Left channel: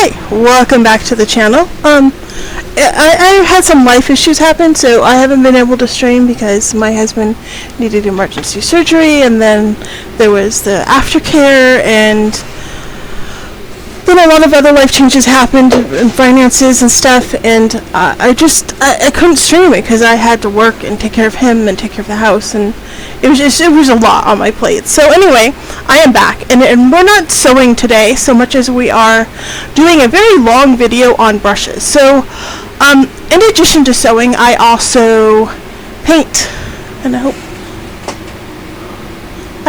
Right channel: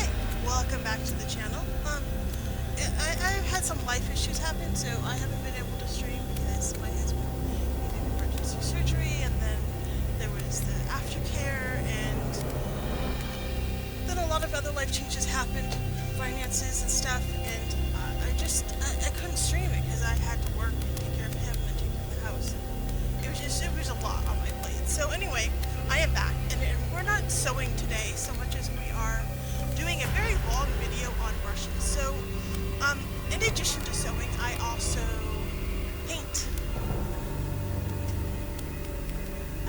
Hi, welcome back to the channel. I had some life issues happen, so I haven't been able to stream because my husband needed emergency surgery, and then there was the aftercare, and then a lot of other life changes happened in finances and stuff, and I couldn't stream it because I had to work and take care of him and take care of the house, and it was a lot on my plate. So anyway, I am back, and we're not sewing today so much as we are doing a very long video on brushes. So in addition to sewing, I also paint, and I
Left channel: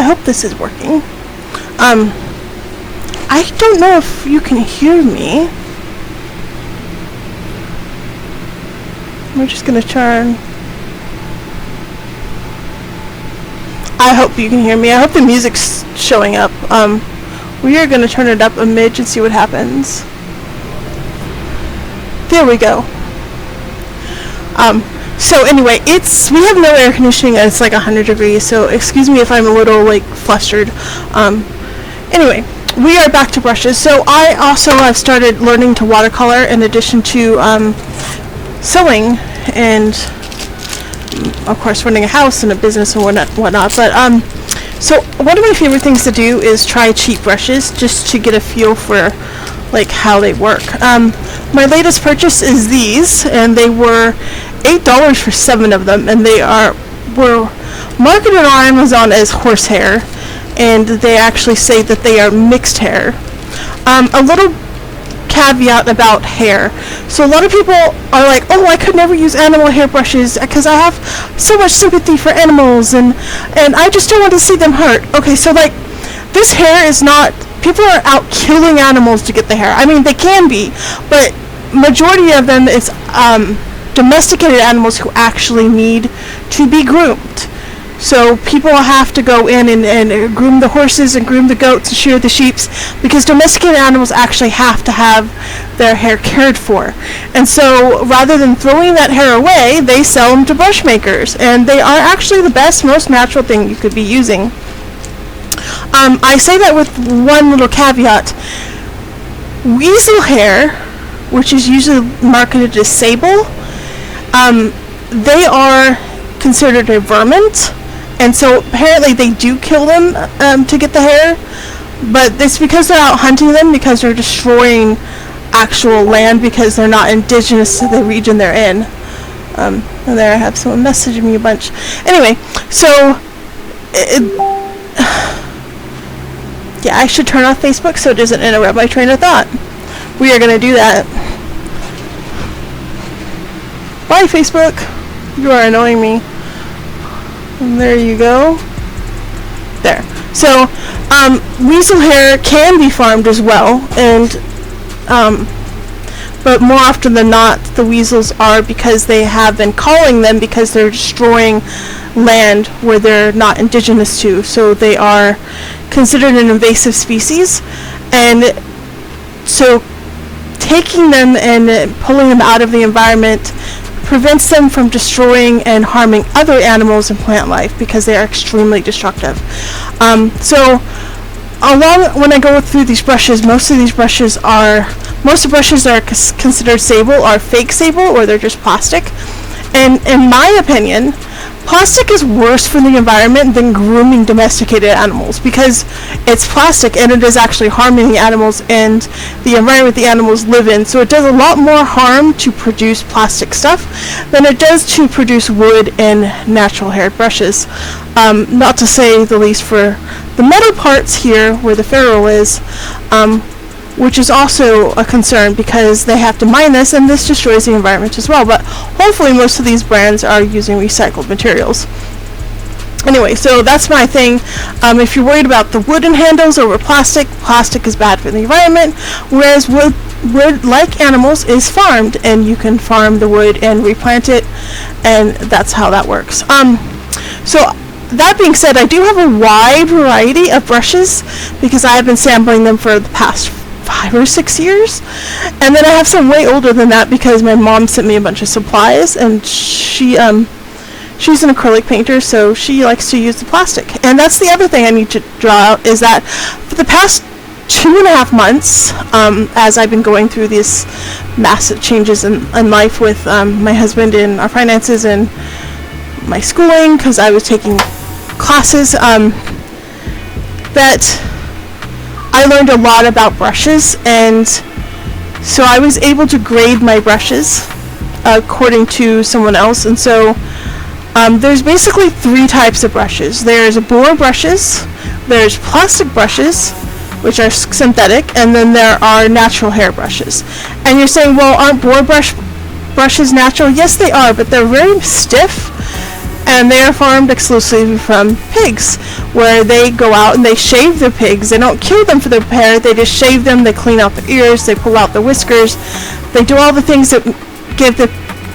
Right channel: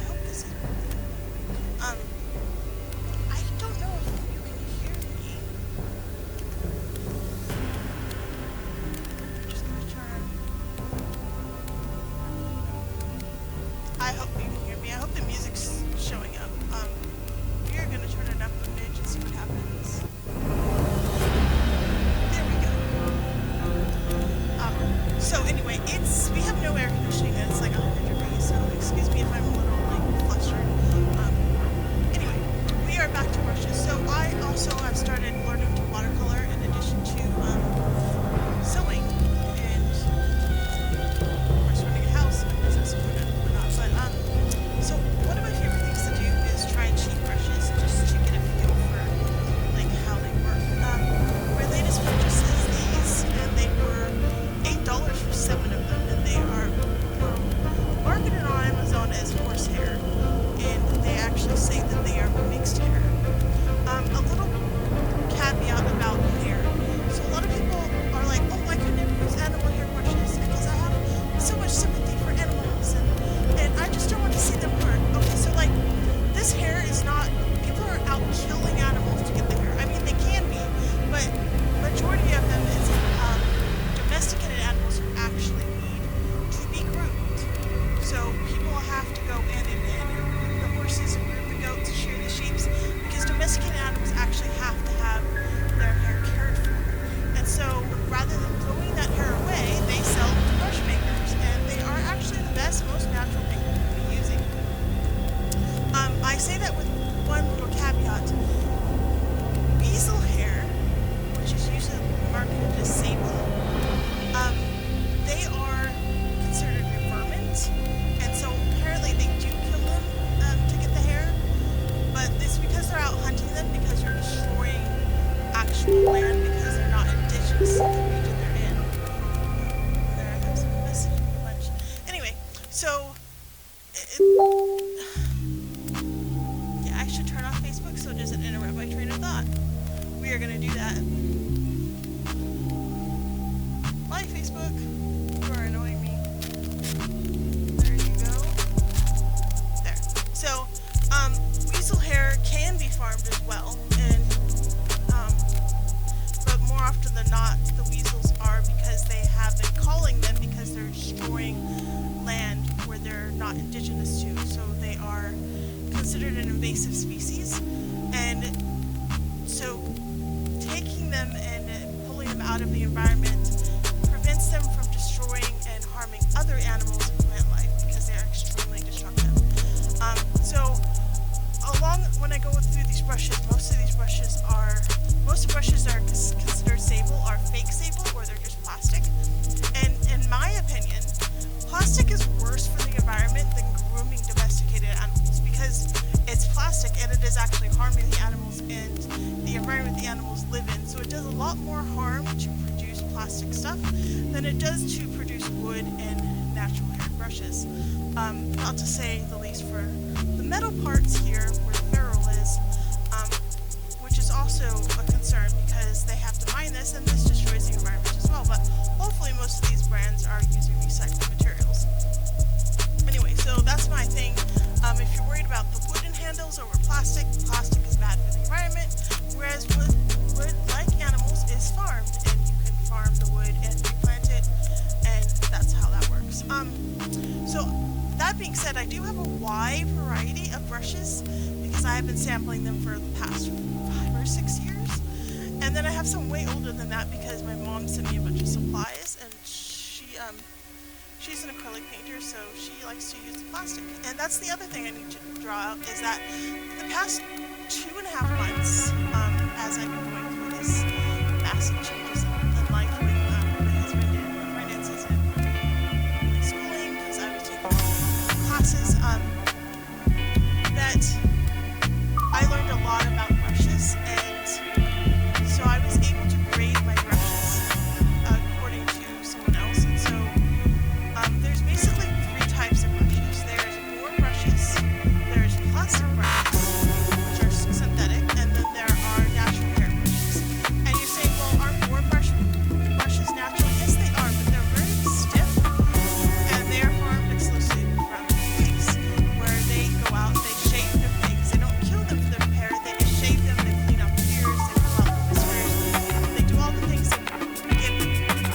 hope this is working. I don't know if you can hear me. We're just gonna turn. I hope you can hear me. I hope the music's showing up. We are gonna turn it up a midge and see what happens. There we go. So anyway, we have no air conditioning, and it's like 100 degrees, so excuse me if I'm a little like flustered. Anyway, we are back to brushes. So I also have started learning to watercolor in addition to sewing and of course running a house and a business and whatnot. But so one of my favorite things to do is try cheap brushes just to get a feel for like how they work. My latest purchase is these, and they were $8 for 7 of them, and they were marketed on Amazon as horsehair, and they actually say that they are mixed hair. A little caveat about hair. So a lot of people are like, oh, I could never use animal hair brushes because I have so much sympathy for animals, and I just don't want to see them hurt. Okay, so like this hair is not, people are out killing animals to get the hair. I mean, they can be, but majority of them is domesticated animals who actually need to be groomed. So people have to go in and groom the horses and groom the goats and shear the sheeps, because domesticated animals actually have to have their hair cared for. And so rather than throwing that hair away, they sell them to brush makers, and they are actually the best, most natural thing you could be using. I say that with one little caveat. Weasel hair, which is usually marketed as sable, they are considered a vermint, and so apparently they do kill them to get the hair, but it's because they're out hunting them, because they're destroying actual land because they're not indigenous to the region they're in. And there I have someone messaging me a bunch. Anyway, so yeah, I should turn off Facebook so it doesn't interrupt my train of thought. We are going to do that. Bye, Facebook. You are annoying me. And there you go. There. So, weasel hair can be farmed as well, and but more often than not, the weasels are, because they have been calling them because they're destroying land where they're not indigenous to, so they are considered an invasive species, and so taking them and pulling them out of the environment prevents them from destroying and harming other animals and plant life, because they are extremely destructive. So when I go through these brushes, most of the brushes are considered sable are fake sable, or they're just plastic. And in my opinion, plastic is worse for the environment than grooming domesticated animals, because it's plastic and it is actually harming the animals and the environment the animals live in. So it does a lot more harm to produce plastic stuff than it does to produce wood and natural hair brushes. Not to say the least for the metal parts here where the ferrule is, which is also a concern because they have to mine this, and this destroys the environment as well. But hopefully most of these brands are using recycled materials. Anyway, so that's my thing. If you're worried about the wooden handles over plastic is bad for the environment, whereas wood, like animals, is farmed, and you can farm the wood and replant it, and that's how that works. So that being said, I do have a wide variety of brushes because I have been sampling them for the past 5 or 6 years, and then I have some way older than that because my mom sent me a bunch of supplies, and she's an acrylic painter, so she likes to use the plastic. And that's the other thing I need to draw out, is that for the past 2.5 months, as I've been going through these massive changes in life with my husband and our finances and my schooling, because I was taking classes, that I learned a lot about brushes, and so I was able to grade my brushes according to someone else. And so there's basically 3 types of brushes. There's bore brushes, there's plastic brushes, which are synthetic, and then there are natural hair brushes. And you're saying, well, aren't bore brushes natural? Yes, they are, but they're very stiff, and they are farmed exclusively from pigs, where they go out and they shave their pigs. They don't kill them for their hair, they just shave them, they clean out their ears, they pull out the whiskers, they do all the things that give the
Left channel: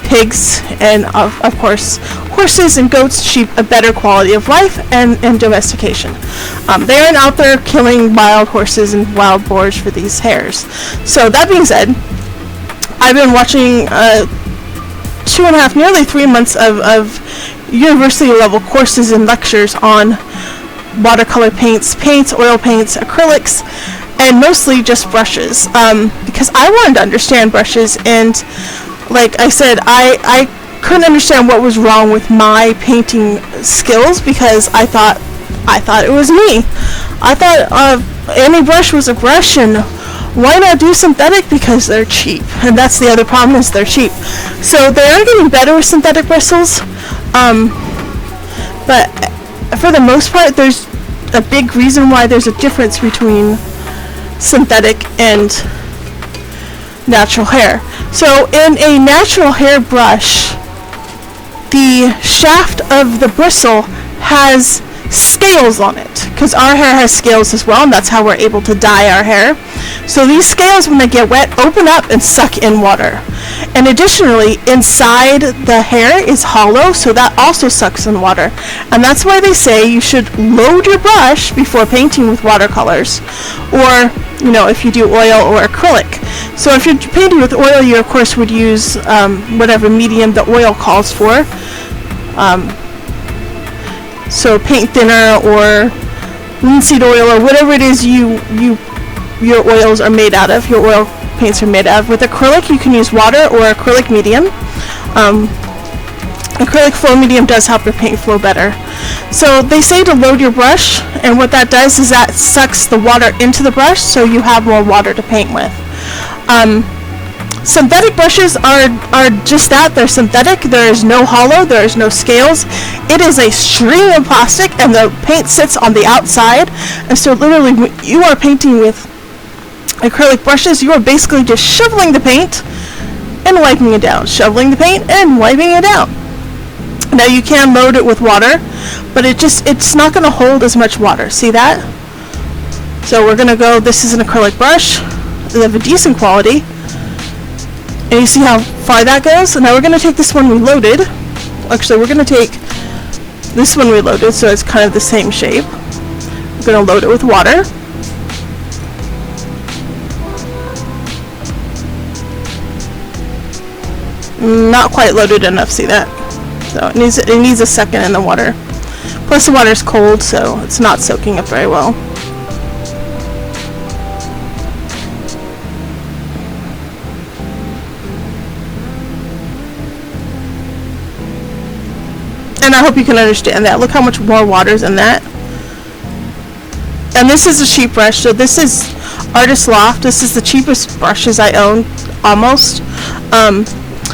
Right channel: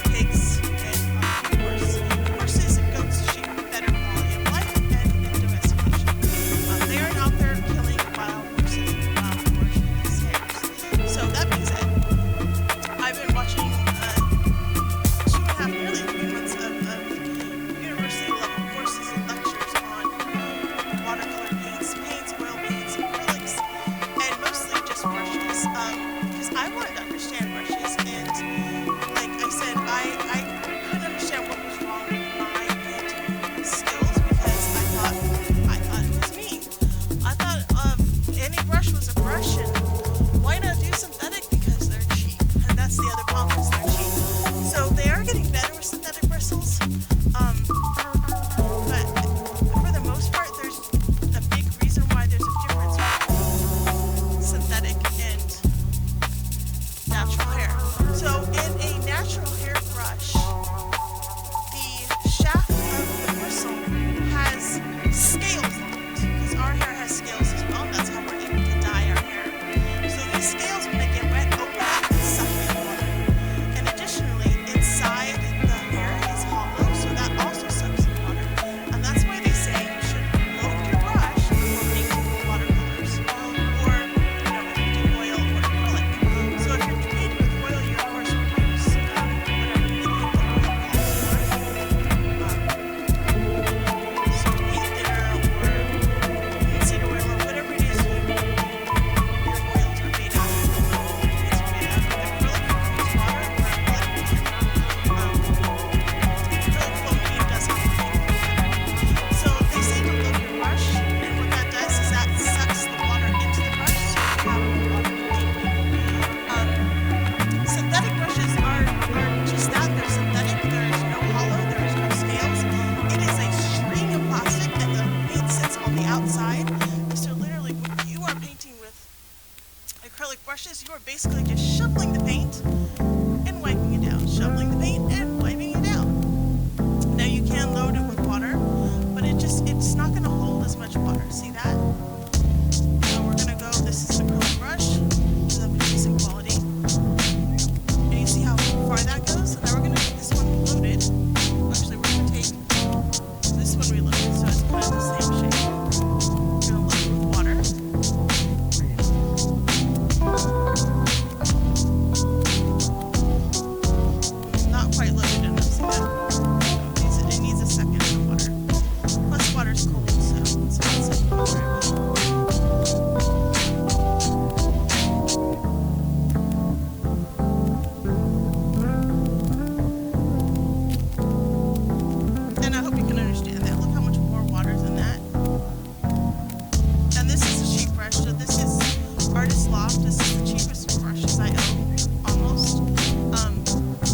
pigs and of course horses and goats, sheep, a better quality of life and domestication. They aren't out there killing wild horses and wild boars for these hairs. So that being said, I've been watching 2.5, nearly 3 months of university level courses and lectures on watercolor paints, oil paints, acrylics, and mostly just brushes, because I wanted to understand brushes. And like I said, I couldn't understand what was wrong with my painting skills, because I thought it was me. I thought any brush was a brush, and why not do synthetic? Because they're cheap, and that's the other problem, is they're cheap. So they are getting better with synthetic bristles, but for the most part, there's a big reason why there's a difference between synthetic and natural hair. So in a natural hair brush, the shaft of the bristle has scales on it, because our hair has scales as well, and that's how we're able to dye our hair. So these scales, when they get wet, open up and suck in water. And additionally, inside the hair is hollow, so that also sucks in water. And that's why they say you should load your brush before painting with watercolors, or if you do oil or acrylic. So if you're painting with oil, you of course would use whatever medium the oil calls for. So paint thinner or linseed oil or whatever it is your oils are made out of, your oil paints are made out of. With acrylic, you can use water or acrylic medium. Acrylic flow medium does help your paint flow better. So they say to load your brush, and what that does is that sucks the water into the brush, so you have more water to paint with. Synthetic brushes are just that. They're synthetic. There is no hollow, there is no scales. It is a string of plastic, and the paint sits on the outside. And so literally, when you are painting with acrylic brushes, you are basically just shoveling the paint and wiping it down, shoveling the paint and wiping it down. Now you can load it with water, but it's not going to hold as much water. See that? So we're going to go, this is an acrylic brush. They have a decent quality. And you see how far that goes? And now we're going to take this one we loaded. Actually, we're going to take this one we loaded, so it's kind of the same shape. We're going to load it with water. Not quite loaded enough, see that? So it needs a second in the water. Plus the water is cold, so it's not soaking up very well. And I hope you can understand that. Look how much more water is in that. And this is a cheap brush, so this is Artist Loft. This is the cheapest brushes I own, almost.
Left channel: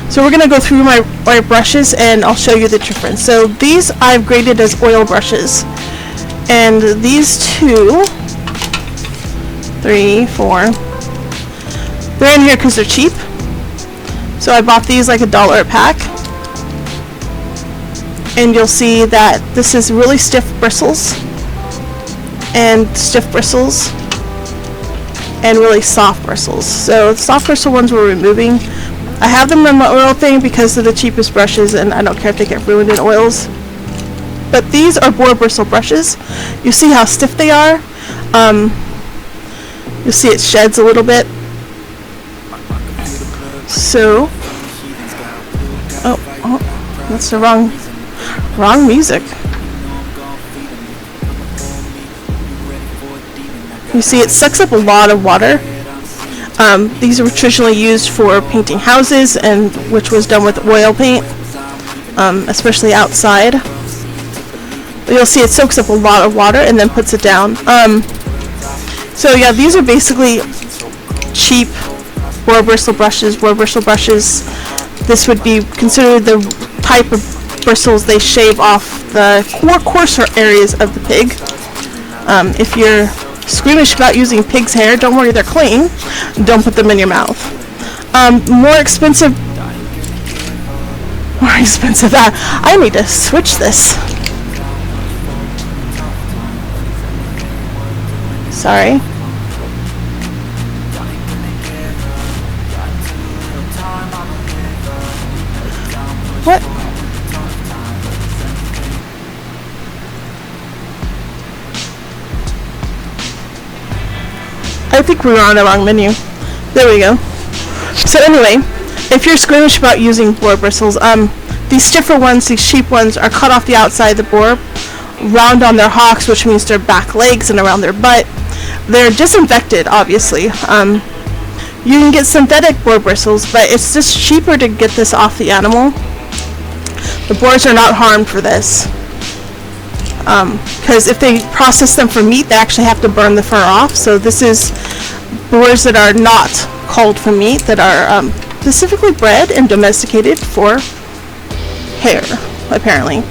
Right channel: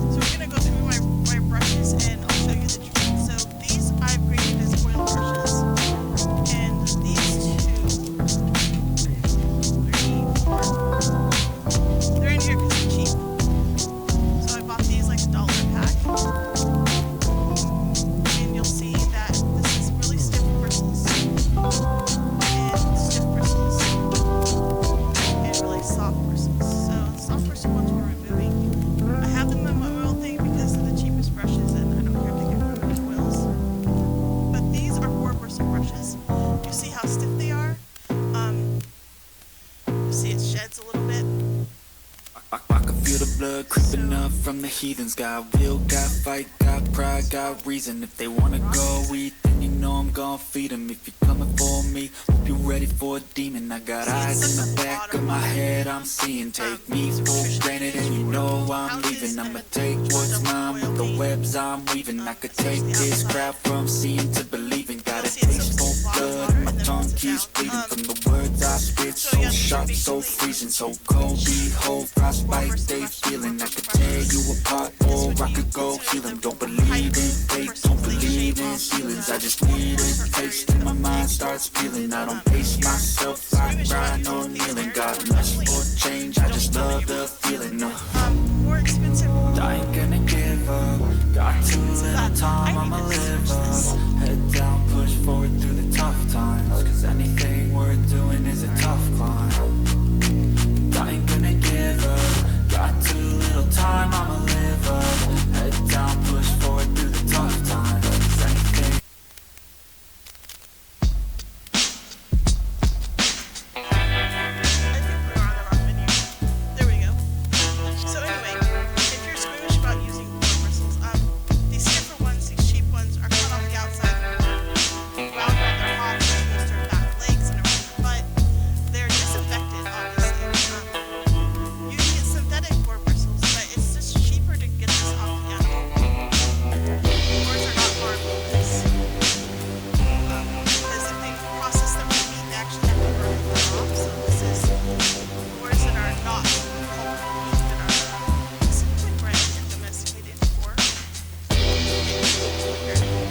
So we're going to go through my brushes, and I'll show you the difference. So these I've graded as oil brushes. And these 2, 3, 4, they're in here because they're cheap. So I bought these like $1 a pack. And you'll see that this is really stiff bristles, and really soft bristles. So the soft bristle ones we're removing. I have them in my oil thing because they're the cheapest brushes, and I don't care if they get ruined in oils. But these are bore bristle brushes. You see how stiff they are? You'll see it sheds a little bit. So, that's the wrong music. You see, it sucks up a lot of water. These were traditionally used for painting houses, and which was done with oil paint, especially outside. You'll see it soaks up a lot of water and then puts it down. So yeah, these are basically cheap boar bristle brushes. Boar bristle brushes, this would be considered the type of bristles they shave off the coarser areas of the pig. If you're squeamish about using pig's hair, don't worry, they're clean. Don't put them in your mouth. More expensive. I need to switch this. Sorry. What? I think we were on the wrong menu. There we go. So anyway, if you're squeamish about using boar bristles, these stiffer ones, these cheap ones, are cut off the outside of the boar, round on their hocks, which means their back legs and around their butt. They're disinfected, obviously. You can get synthetic boar bristles, but it's just cheaper to get this off the animal. The boars are not harmed for this. Because if they process them for meat, they actually have to burn the fur off. So this is boars that are not culled for meat, that are specifically bred and domesticated for hair, apparently.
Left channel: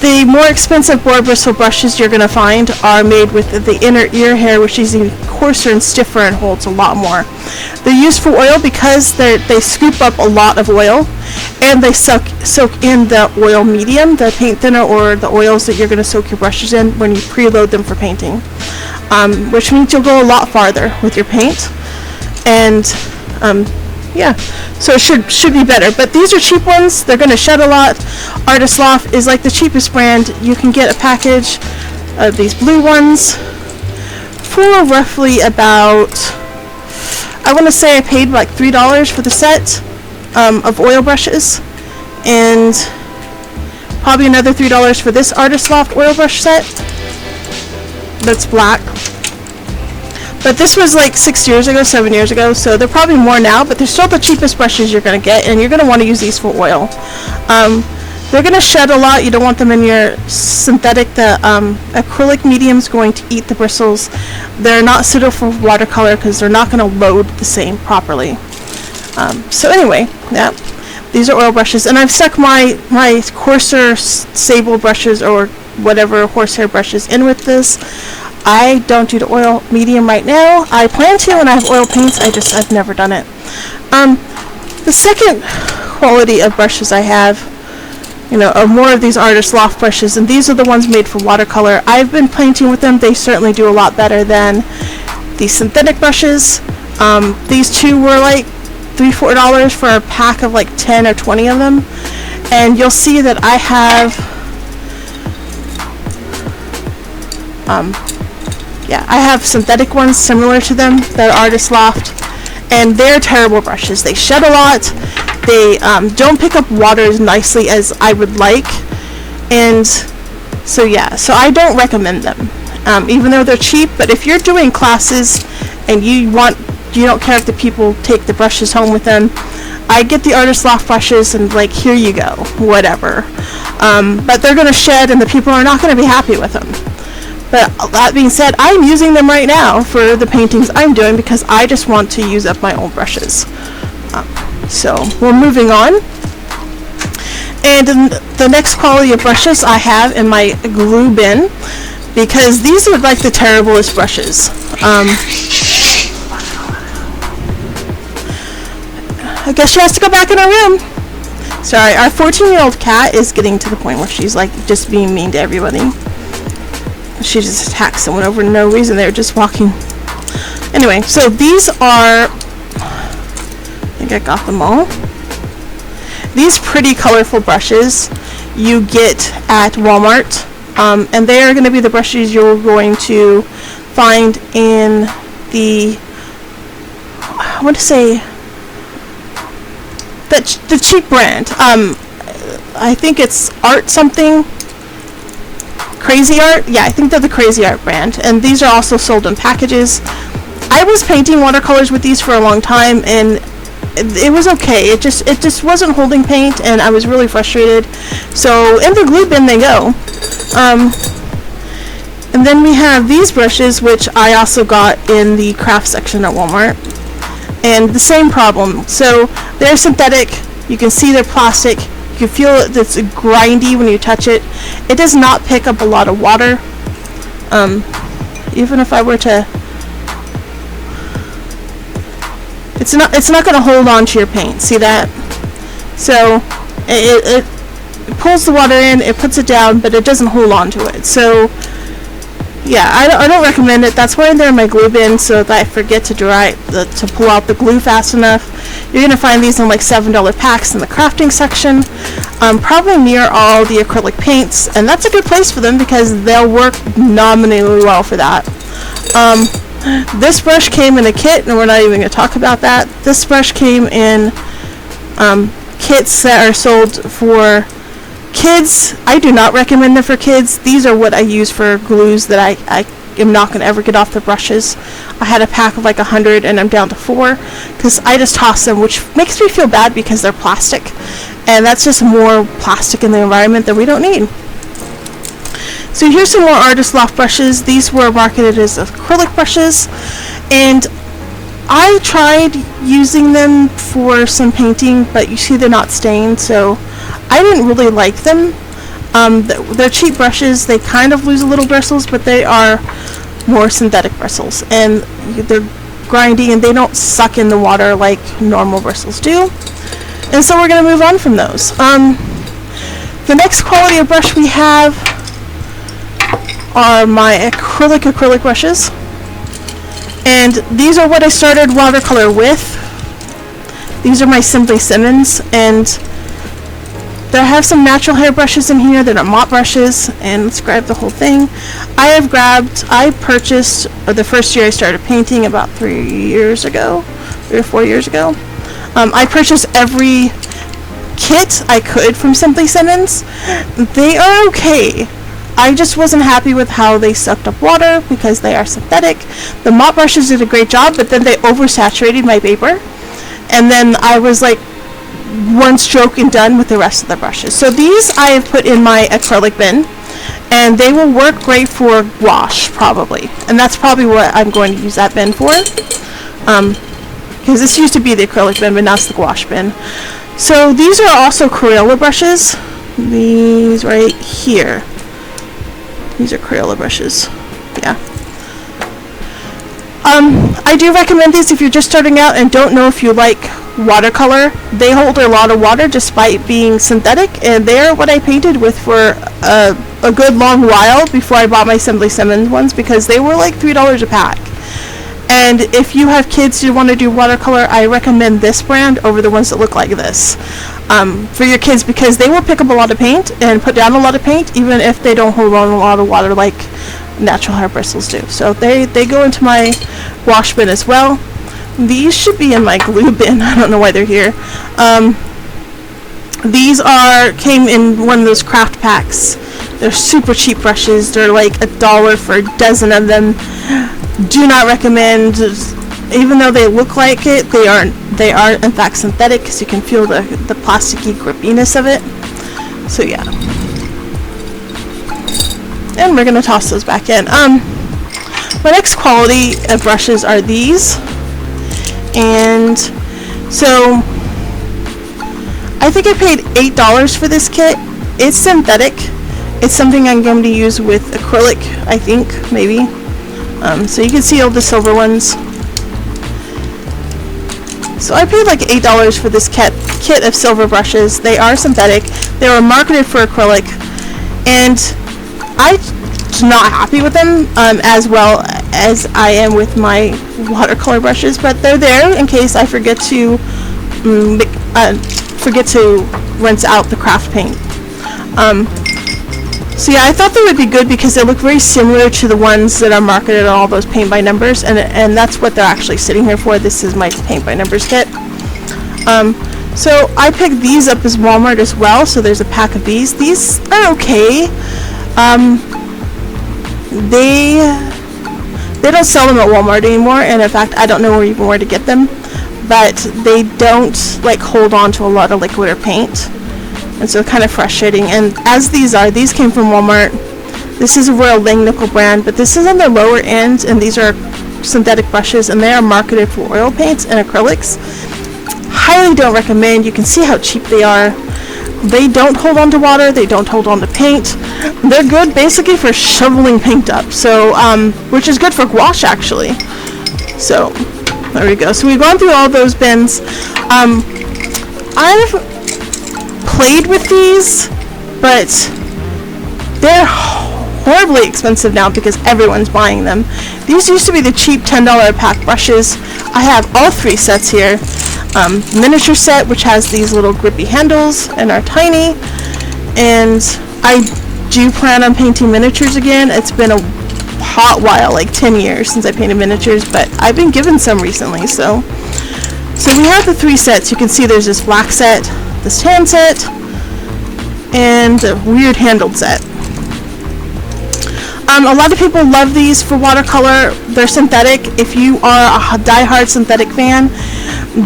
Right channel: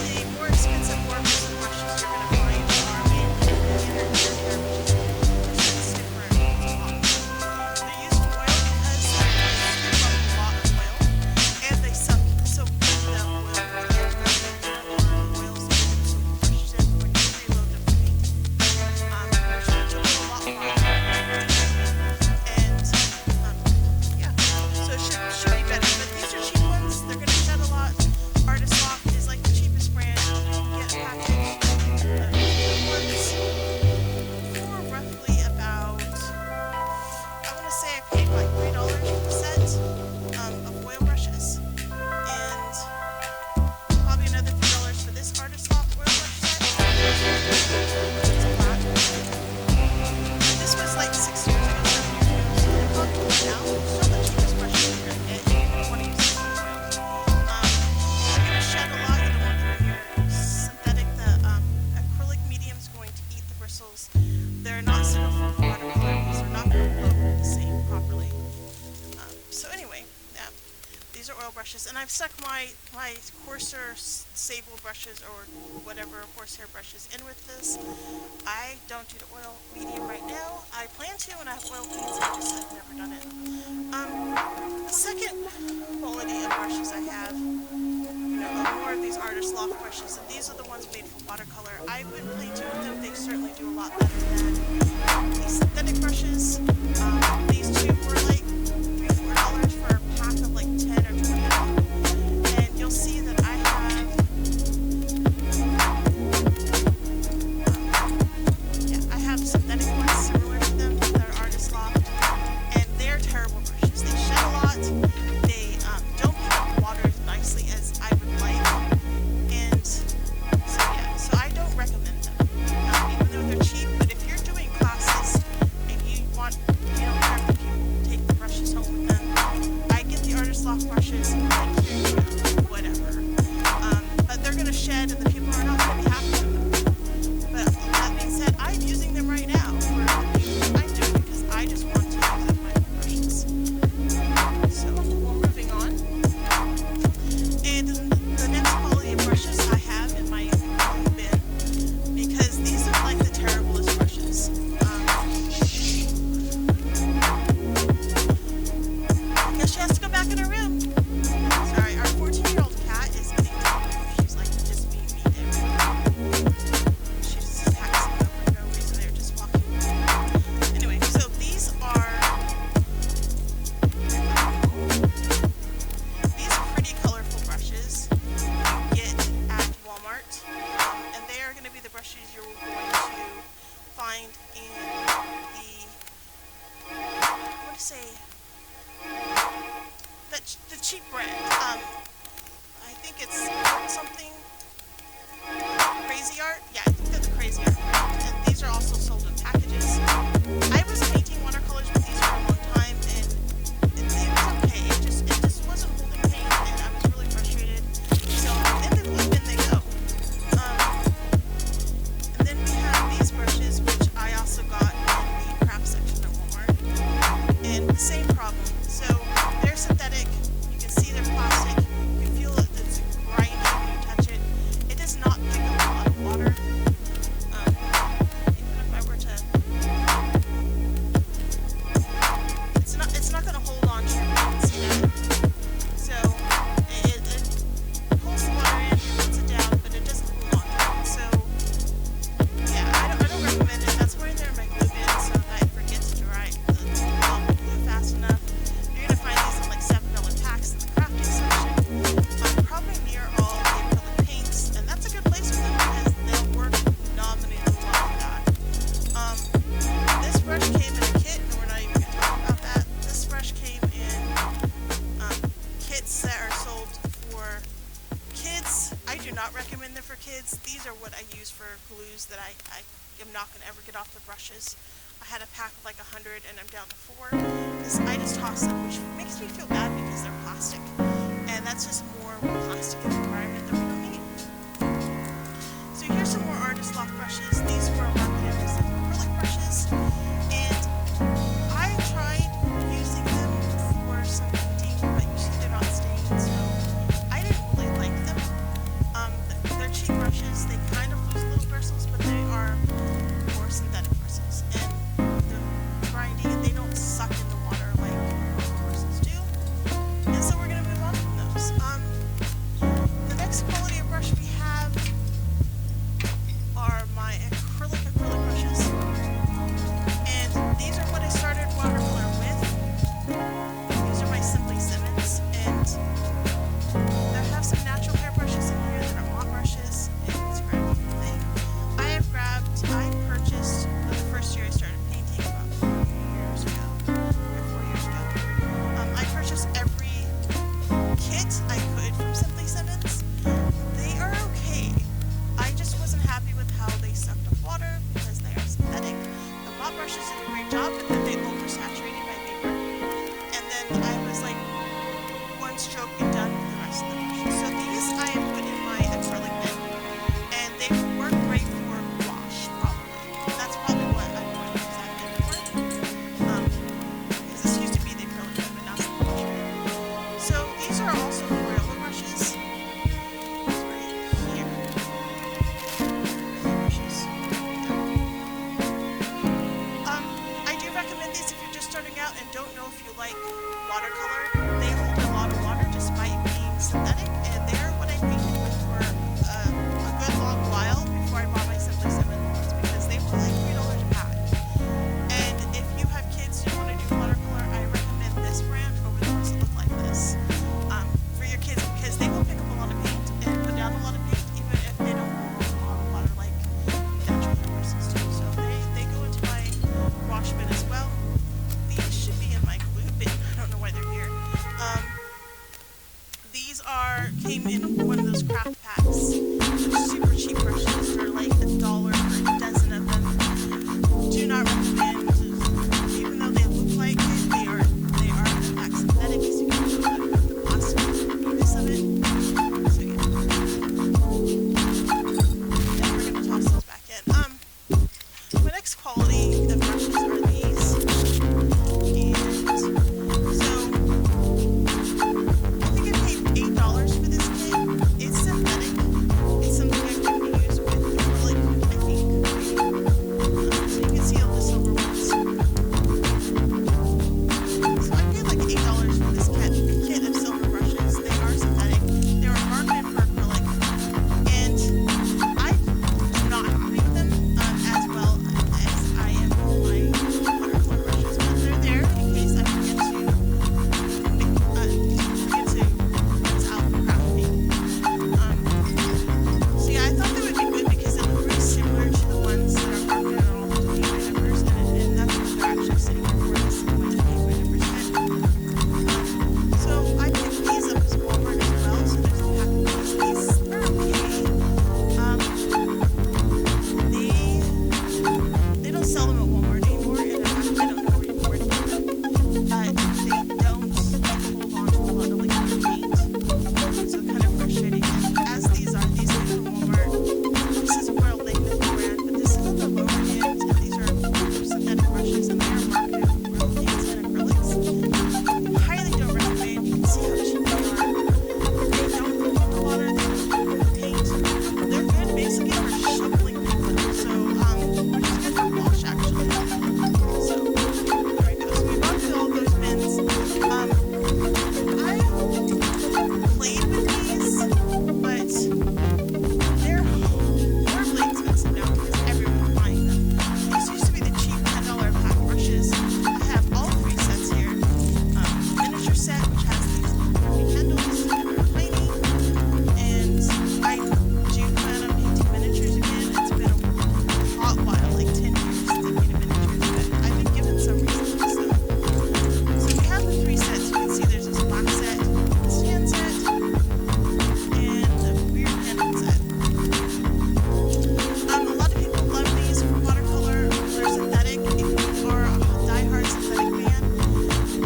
The more expensive boar bristle brushes you're going to find are made with the inner ear hair, which is even coarser and stiffer and holds a lot more. They're used for oil because they scoop up a lot of oil, and they soak in the oil medium, the paint thinner or the oils that you're going to soak your brushes in when you preload them for painting, which means you'll go a lot farther with your paint. And yeah, so it should be better. But these are cheap ones. They're going to shed a lot. Artist Loft is like the cheapest brand. You can get a package of these blue ones for roughly about, I want to say I paid like $3 for the set of oil brushes, and probably another $3 for this Artist Loft oil brush set that's black. But this was like 6 years ago, 7 years ago, so they're probably more now, but they're still the cheapest brushes you're going to get, and you're going to want to use these for oil. They're going to shed a lot. You don't want them in your synthetic. The acrylic medium is going to eat the bristles. They're not suitable for watercolor because they're not going to load the same properly. So anyway, yeah, these are oil brushes, and I've stuck my coarser sable brushes or whatever horsehair brushes in with this. I don't do the oil medium right now. I plan to, and I have oil paints. I've never done it. The second quality of brushes I have, are more of these Artist Loft brushes, and these are the ones made for watercolor. I've been painting with them. They certainly do a lot better than the synthetic brushes. These two were like $3-4 for a pack of like 10 or 20 of them, and you'll see that I have I have synthetic ones similar to them that are Artist Loft, and they're terrible brushes. They shed a lot. They don't pick up water as nicely as I would like, and so I don't recommend them, even though they're cheap. But if you're doing classes and you don't care if the people take the brushes home with them, I get the Artist Loft brushes and like, here you go, whatever. But they're going to shed, and the people are not going to be happy with them. But that being said, I'm using them right now for the paintings I'm doing because I just want to use up my old brushes. So we're moving on. And the next quality of brushes I have in my glue bin, because these are like the terriblest brushes. I guess she has to go back in her room. Sorry, our 14-year-old cat is getting to the point where she's like just being mean to everybody. She just attacked someone over no reason. They were just walking. Anyway, so these are, I think I got them all. These pretty colorful brushes you get at Walmart, and they are going to be the brushes you're going to find in the, I want to say, the cheap brand. I think it's Art something. Crazy Art, yeah, I think they're the Crazy Art brand, and these are also sold in packages. I was painting watercolors with these for a long time, and it was okay. It just wasn't holding paint, and I was really frustrated. So in the glue bin they go. And then we have these brushes, which I also got in the craft section at Walmart, and the same problem. So they're synthetic. You can see they're plastic. You can feel it, it's grindy when you touch it. It does not pick up a lot of water. Even if I were to, it's not going to hold on to your paint. See that? So it pulls the water in, it puts it down, but it doesn't hold on to it. So yeah, I don't recommend it. That's why they're in my glue bin, so that I forget to pull out the glue fast enough. You're going to find these in like $7 packs in the crafting section, probably near all the acrylic paints, and that's a good place for them because they'll work nominally well for that. This brush came in a kit, and we're not even going to talk about that. This brush came in kits that are sold for kids. I do not recommend them for kids. These are what I use for glues that I am not going to ever get off the brushes. I had a pack of like 100 and I'm down to 4 because I just toss them, which makes me feel bad because they're plastic, and that's just more plastic in the environment that we don't need. So here's some more Artist Loft brushes. These were marketed as acrylic brushes, and I tried using them for some painting, but you see they're not stained, so I didn't really like them. They're cheap brushes. They kind of lose a little bristles, but they are more synthetic bristles, and they're grindy and they don't suck in the water like normal bristles do. And so we're going to move on from those. The next quality of brush we have are my acrylic brushes, and these are what I started watercolor with. These are my Simply Simmons, and they have some natural hair brushes in here that are mop brushes, and let's grab the whole thing. I purchased the first year I started painting, about 3 or 4 years ago. I purchased every kit I could from Simply Simmons. They are okay. I just wasn't happy with how they sucked up water because they are synthetic. The mop brushes did a great job, but then they oversaturated my paper, and then I was like one stroke and done with the rest of the brushes. So these I have put in my acrylic bin, and they will work great for gouache probably, and that's probably what I'm going to use that bin for, because this used to be the acrylic bin, but now it's the gouache bin. So these are also Crayola brushes. These right here. These are Crayola brushes. Yeah. I do recommend these if you're just starting out and don't know if you like watercolor. They hold a lot of water despite being synthetic, and they're what I painted with for a good long while before I bought my Simply Simmons ones, because they were like $3 a pack. And if you have kids who want to do watercolor, I recommend this brand over the ones that look like this for your kids, because they will pick up a lot of paint and put down a lot of paint even if they don't hold on a lot of water like natural hair bristles do. So they go into my wash bin as well. These should be in my glue bin. I don't know why they're here. These came in one of those craft packs. They're super cheap brushes. They're like $1 for a dozen of them. Do not recommend. Even though they look like it, they are in fact synthetic, because you can feel the plasticky grippiness of it. So yeah. And we're gonna toss those back in. My next quality of brushes are these. And so I think I paid $8 for this kit. It's synthetic. It's something I'm going to use with acrylic, I think, maybe. So you can see all the silver ones. So I paid like $8 for this kit of silver brushes. They are synthetic. They were marketed for acrylic, and I'm not happy with them as well as I am with my watercolor brushes, but they're there in case I forget to rinse out the craft paint. So yeah, I thought they would be good because they look very similar to the ones that are marketed on all those paint by numbers, and that's what they're actually sitting here for. This is my paint by numbers kit. So I picked these up as Walmart as well, so there's a pack of these. These are okay. they don't sell them at Walmart anymore, and in fact I don't know even where to get them, but they don't like hold on to a lot of liquid or paint, and so kind of frustrating. And as these came from Walmart. This is a Royal Langnickel brand, but this is on the lower end, and these are synthetic brushes, and they are marketed for oil paints and acrylics. Highly don't recommend. You can see how cheap they are. They don't hold on to water, they don't hold on to paint. They're good basically for shoveling paint up, so which is good for gouache actually. So there we go. So we've gone through all those bins. I've played with these, but they're horribly expensive now because everyone's buying them. These used to be the cheap $10 a pack brushes. I have all 3 sets here. Miniature set, which has these little grippy handles and are tiny, and I do plan on painting miniatures again. It's been a hot while, like 10 years since I painted miniatures, but I've been given some recently. So we have the 3 sets. You can see there's this black set, this tan set, and a weird handled set. A lot of people love these for watercolor. They're synthetic. If you are a die-hard synthetic fan,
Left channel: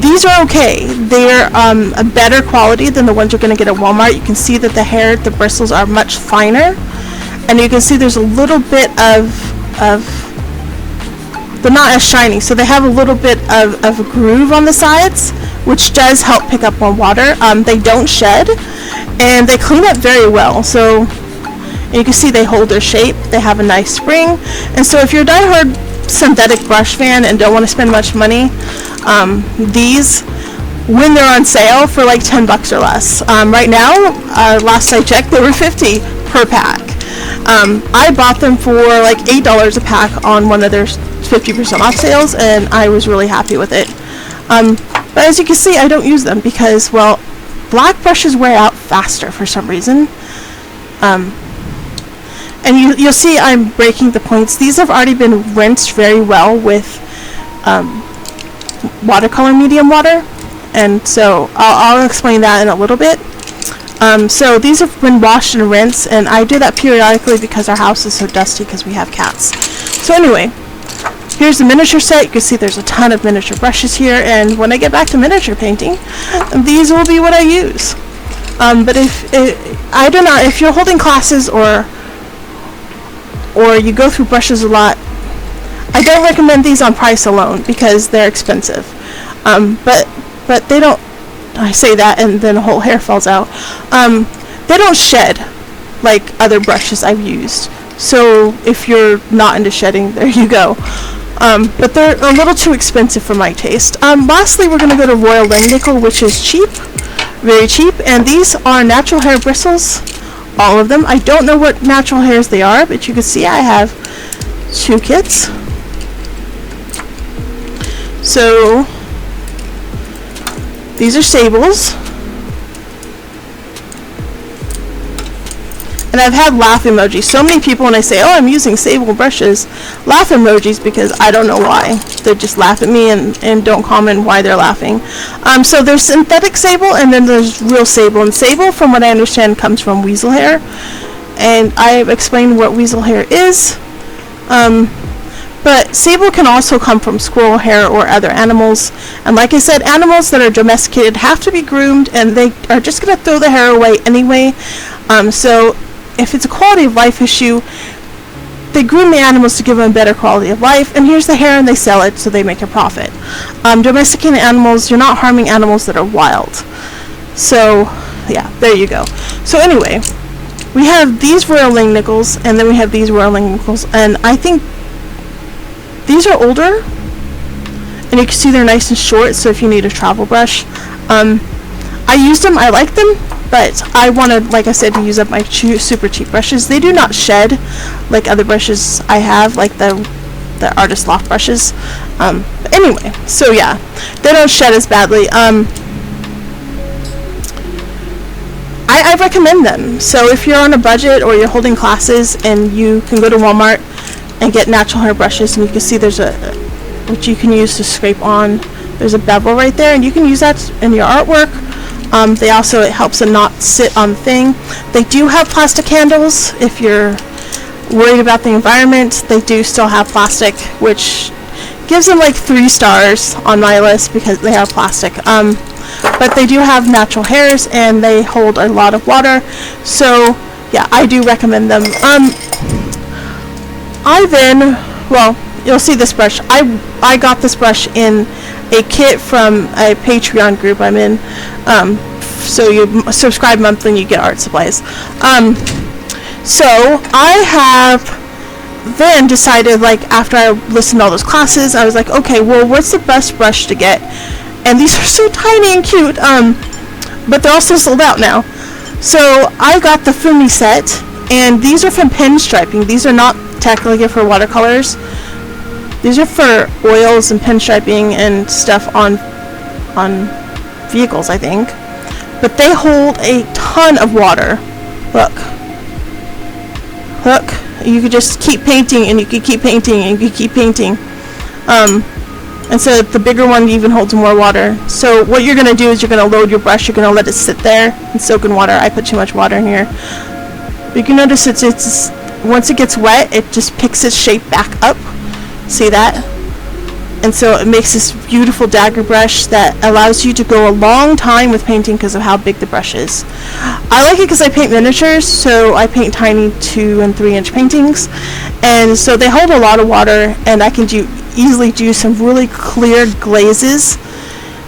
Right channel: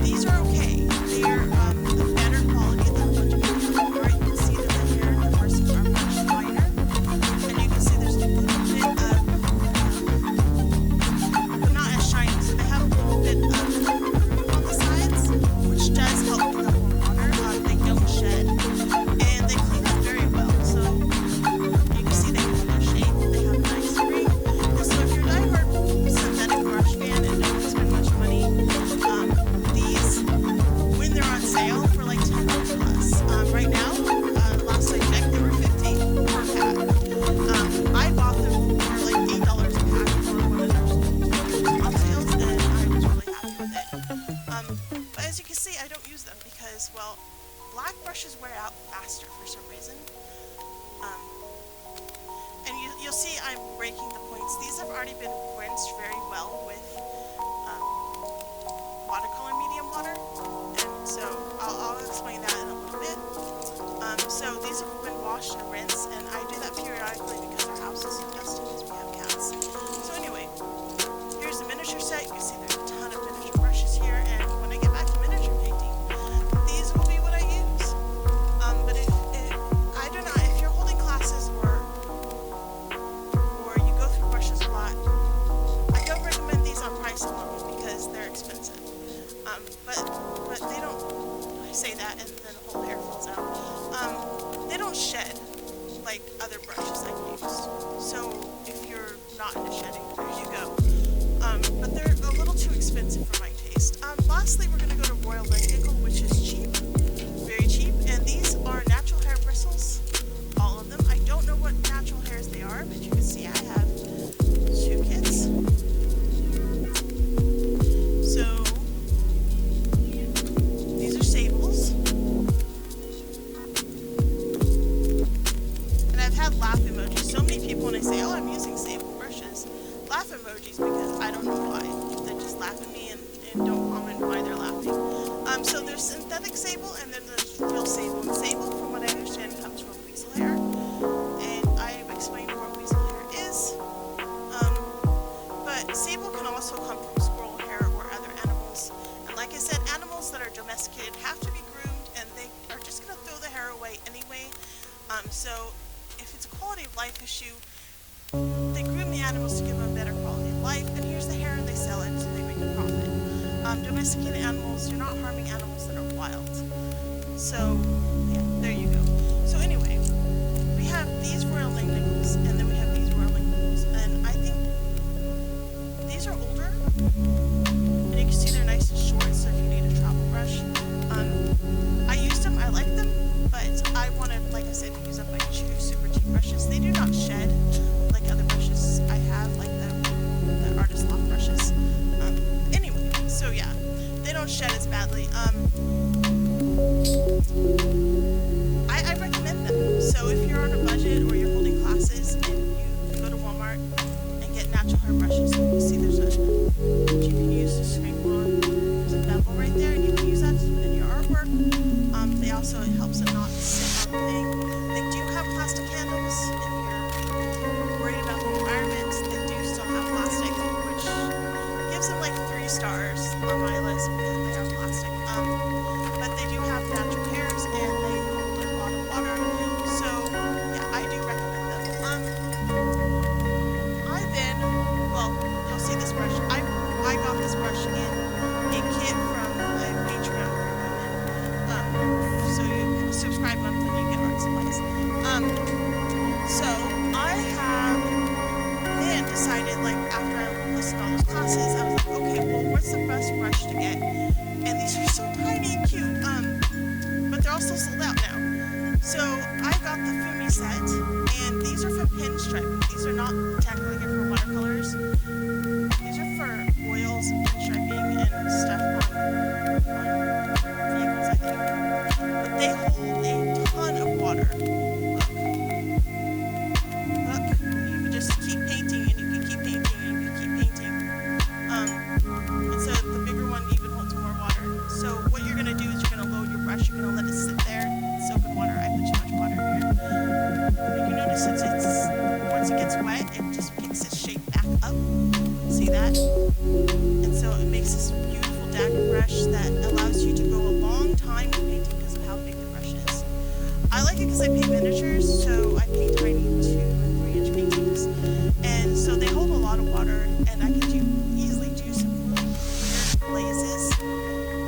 these are okay. They're a better quality than the ones you're going to get at Walmart. You can see that the bristles are much finer, and you can see there's a little bit of they're not as shiny, so they have a little bit of a groove on the sides, which does help pick up on water. They don't shed, and they clean up very well. So you can see they hold their shape. They have a nice spring, and so if you're a die-hard synthetic brush fan and don't want to spend much money, these, when they're on sale for like $10 or less. Right now, last I checked, they were $50 per pack. I bought them for like $8 a pack on one of their 50% off sales, and I was really happy with it. But as you can see, I don't use them because, well, black brushes wear out faster for some reason. And you'll see I'm breaking the points. These have already been rinsed very well with watercolor medium water, and so I'll explain that in a little bit. So these have been washed and rinsed, and I do that periodically because our house is so dusty because we have cats. So anyway, here's the miniature set. You can see there's a ton of miniature brushes here, and when I get back to miniature painting, these will be what I use. But if you're holding classes or you go through brushes a lot, I don't recommend these on price alone because they're expensive. But they don't, I say that and then the whole hair falls out. They don't shed like other brushes I've used. So if you're not into shedding, there you go. But they're a little too expensive for my taste. Lastly, we're going to go to Royal Langnickel, which is cheap, very cheap, and these are natural hair bristles. All of them. I don't know what natural hairs they are, but you can see I have 2 kits. So these are sables, and I've had laugh emojis. So many people, when I say, oh, I'm using sable brushes, laugh emojis because I don't know why. They just laugh at me and don't comment why they're laughing. So there's synthetic sable, and then there's real sable. And sable, from what I understand, comes from weasel hair. And I've explained what weasel hair is. But sable can also come from squirrel hair or other animals. And like I said, animals that are domesticated have to be groomed, and they are just going to throw the hair away anyway. So if it's a quality of life issue, they groom the animals to give them a better quality of life, and here's the hair, and they sell it so they make a profit. Domesticated animals, you're not harming animals that are wild. So yeah, there you go. So anyway, we have these Royal Langnickels, and then we have these Royal Langnickels, and I think these are older, and you can see they're nice and short, so if you need a travel brush. I used them, I like them, but I wanted, like I said, to use up my super cheap brushes. They do not shed like other brushes I have, like the Artist Loft brushes. But anyway, so yeah, they don't shed as badly. I recommend them. So if you're on a budget or you're holding classes, and you can go to Walmart and get natural hair brushes, and you can see there's which you can use to scrape on. There's a bevel right there, and you can use that in your artwork. It helps it not sit on the thing. They do have plastic handles if you're worried about the environment, they do still have plastic, which gives them like 3 stars on my list because they are plastic. But they do have natural hairs and they hold a lot of water, so yeah, I do recommend them. Well, you'll see this brush. I got this brush in a kit from a Patreon group I'm in. So you subscribe monthly and you get art supplies. So I have then decided, like, after I listened to all those classes, I was like, okay, well, what's the best brush to get? And these are so tiny and cute, but they're also sold out now. So I got the Fumi set, and these are from pinstriping. These are not technically for watercolors. These are for oils and pinstriping and stuff on vehicles, I think. But they hold a ton of water. Look. Look. You could just keep painting, and you could keep painting, and you could keep painting. And so the bigger one even holds more water. So what you're going to do is you're going to load your brush. You're going to let it sit there and soak in water. I put too much water in here. But you can notice it's once it gets wet, it just picks its shape back up. See that? And so it makes this beautiful dagger brush that allows you to go a long time with painting because of how big the brush is. I like it because I paint miniatures, so I paint tiny 2 and 3 inch paintings, and so they hold a lot of water, and I can easily do some really clear glazes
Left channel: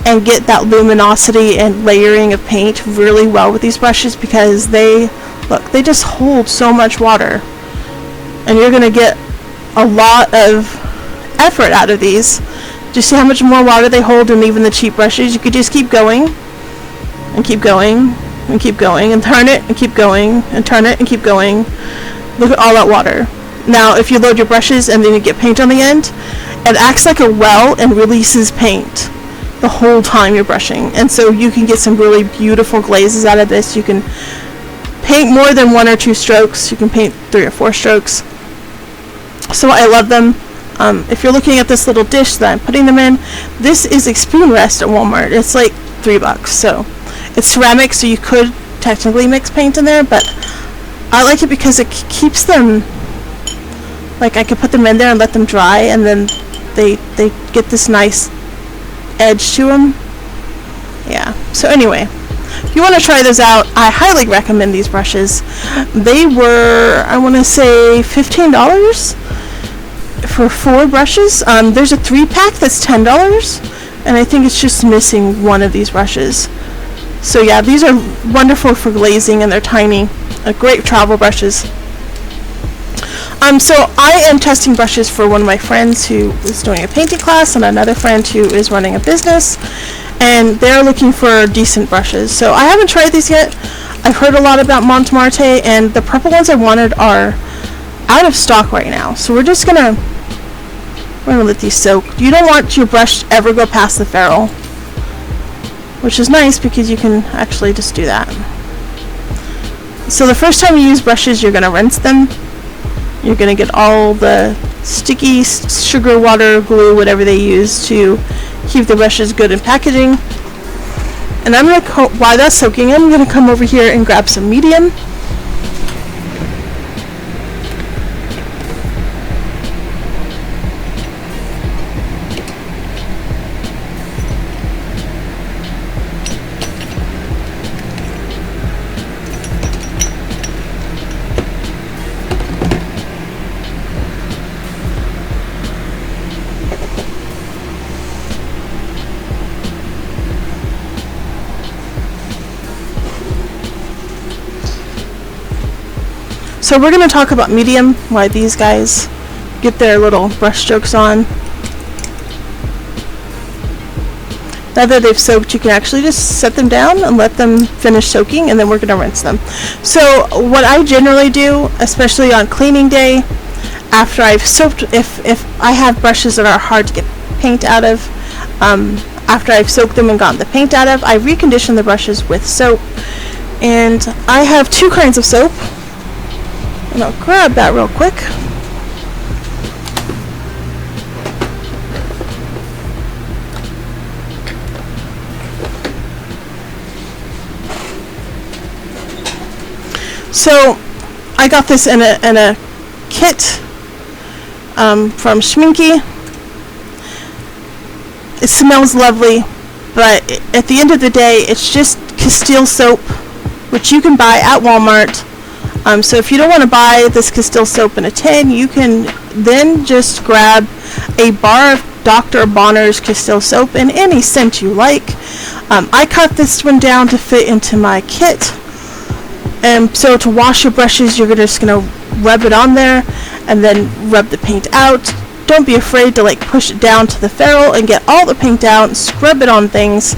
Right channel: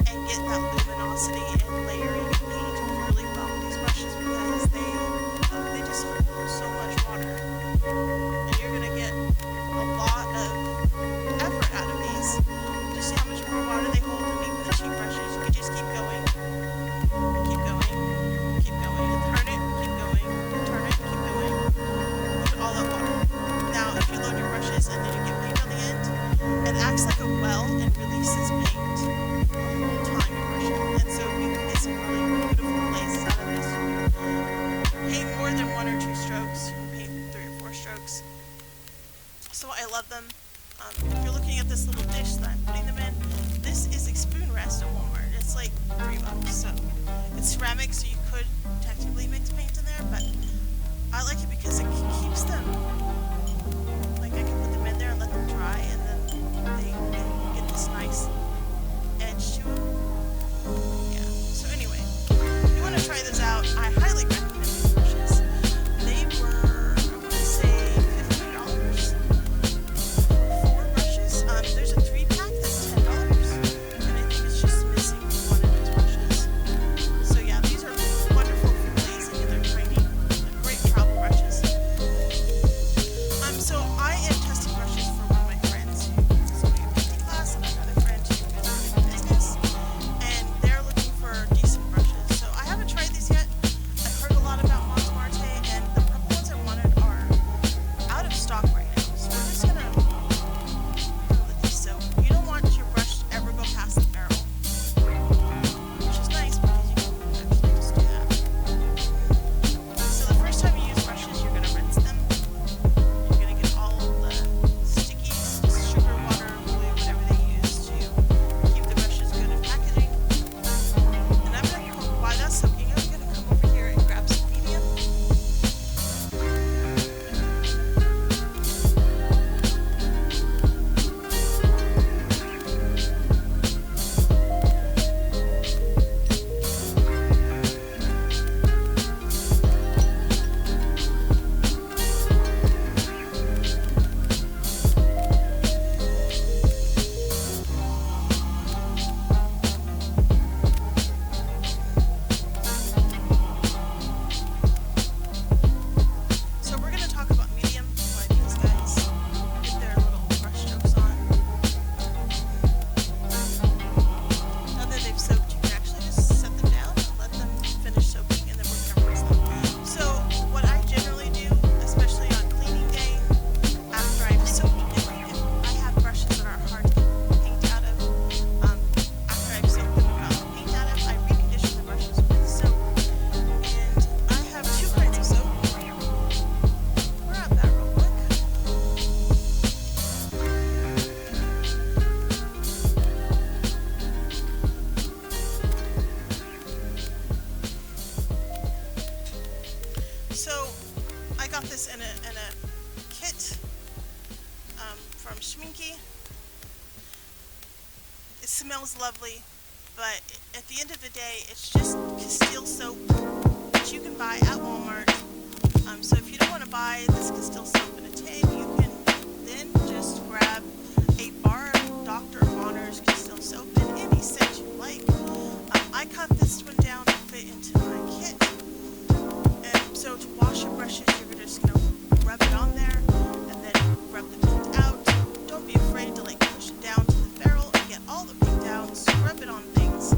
and get that luminosity and layering of paint really well with these brushes because they just hold so much water, and you're going to get a lot of effort out of these. Do you see how much more water they hold than even the cheap brushes? You could just keep going and keep going and keep going and turn it and keep going and turn it and keep going. Look at all that water. Now if you load your brushes and then you get paint on the end, it acts like a well and releases paint the whole time you're brushing, and so you can get some really beautiful glazes out of this. You can paint more than 1 or 2 strokes. You can paint 3 or 4 strokes. So I love them. If you're looking at this little dish that I'm putting them in, this is a spoon rest at Walmart. It's like $3, so it's ceramic, so you could technically mix paint in there, but I like it because it keeps them, like, I could put them in there and let them dry, and then they get this nice edge to them. Yeah, so anyway, if you want to try those out, I highly recommend these brushes. They were, I want to say, $15 for 4 brushes. There's a 3-pack that's $10, and I think it's just missing one of these brushes. So yeah, these are wonderful for glazing, and they're tiny. Great travel brushes. So I am testing brushes for one of my friends who is doing a painting class, and another friend who is running a business, and they're looking for decent brushes. So I haven't tried these yet. I've heard a lot about Montmartre, and the purple ones I wanted are out of stock right now. So we're gonna let these soak. You don't want your brush to ever go past the ferrule, which is nice because you can actually just do that. So the first time you use brushes, you're gonna rinse them. You're gonna get all the sticky sugar, water, glue, whatever they use to keep the brushes good in packaging. And I'm gonna, while that's soaking, I'm gonna come over here and grab some medium. So we're going to talk about medium, why these guys get their little brush strokes on. Now that they've soaked, you can actually just set them down and let them finish soaking, and then we're going to rinse them. So what I generally do, especially on cleaning day, after I've soaked, if I have brushes that are hard to get paint out of, after I've soaked them and gotten the paint out of, I recondition the brushes with soap. And I have 2 kinds of soap. And I'll grab that real quick. So I got this in a kit from Schminky. It smells lovely, but at the end of the day, it's just Castile soap, which you can buy at Walmart. So if you don't want to buy this Castile soap in a tin, you can then just grab a bar of Dr. Bonner's Castile soap in any scent you like. I cut this one down to fit into my kit. And so to wash your brushes, you're just going to rub it on there and then rub the paint out. Don't be afraid to like push it down to the ferrule and get all the paint out, scrub it on things.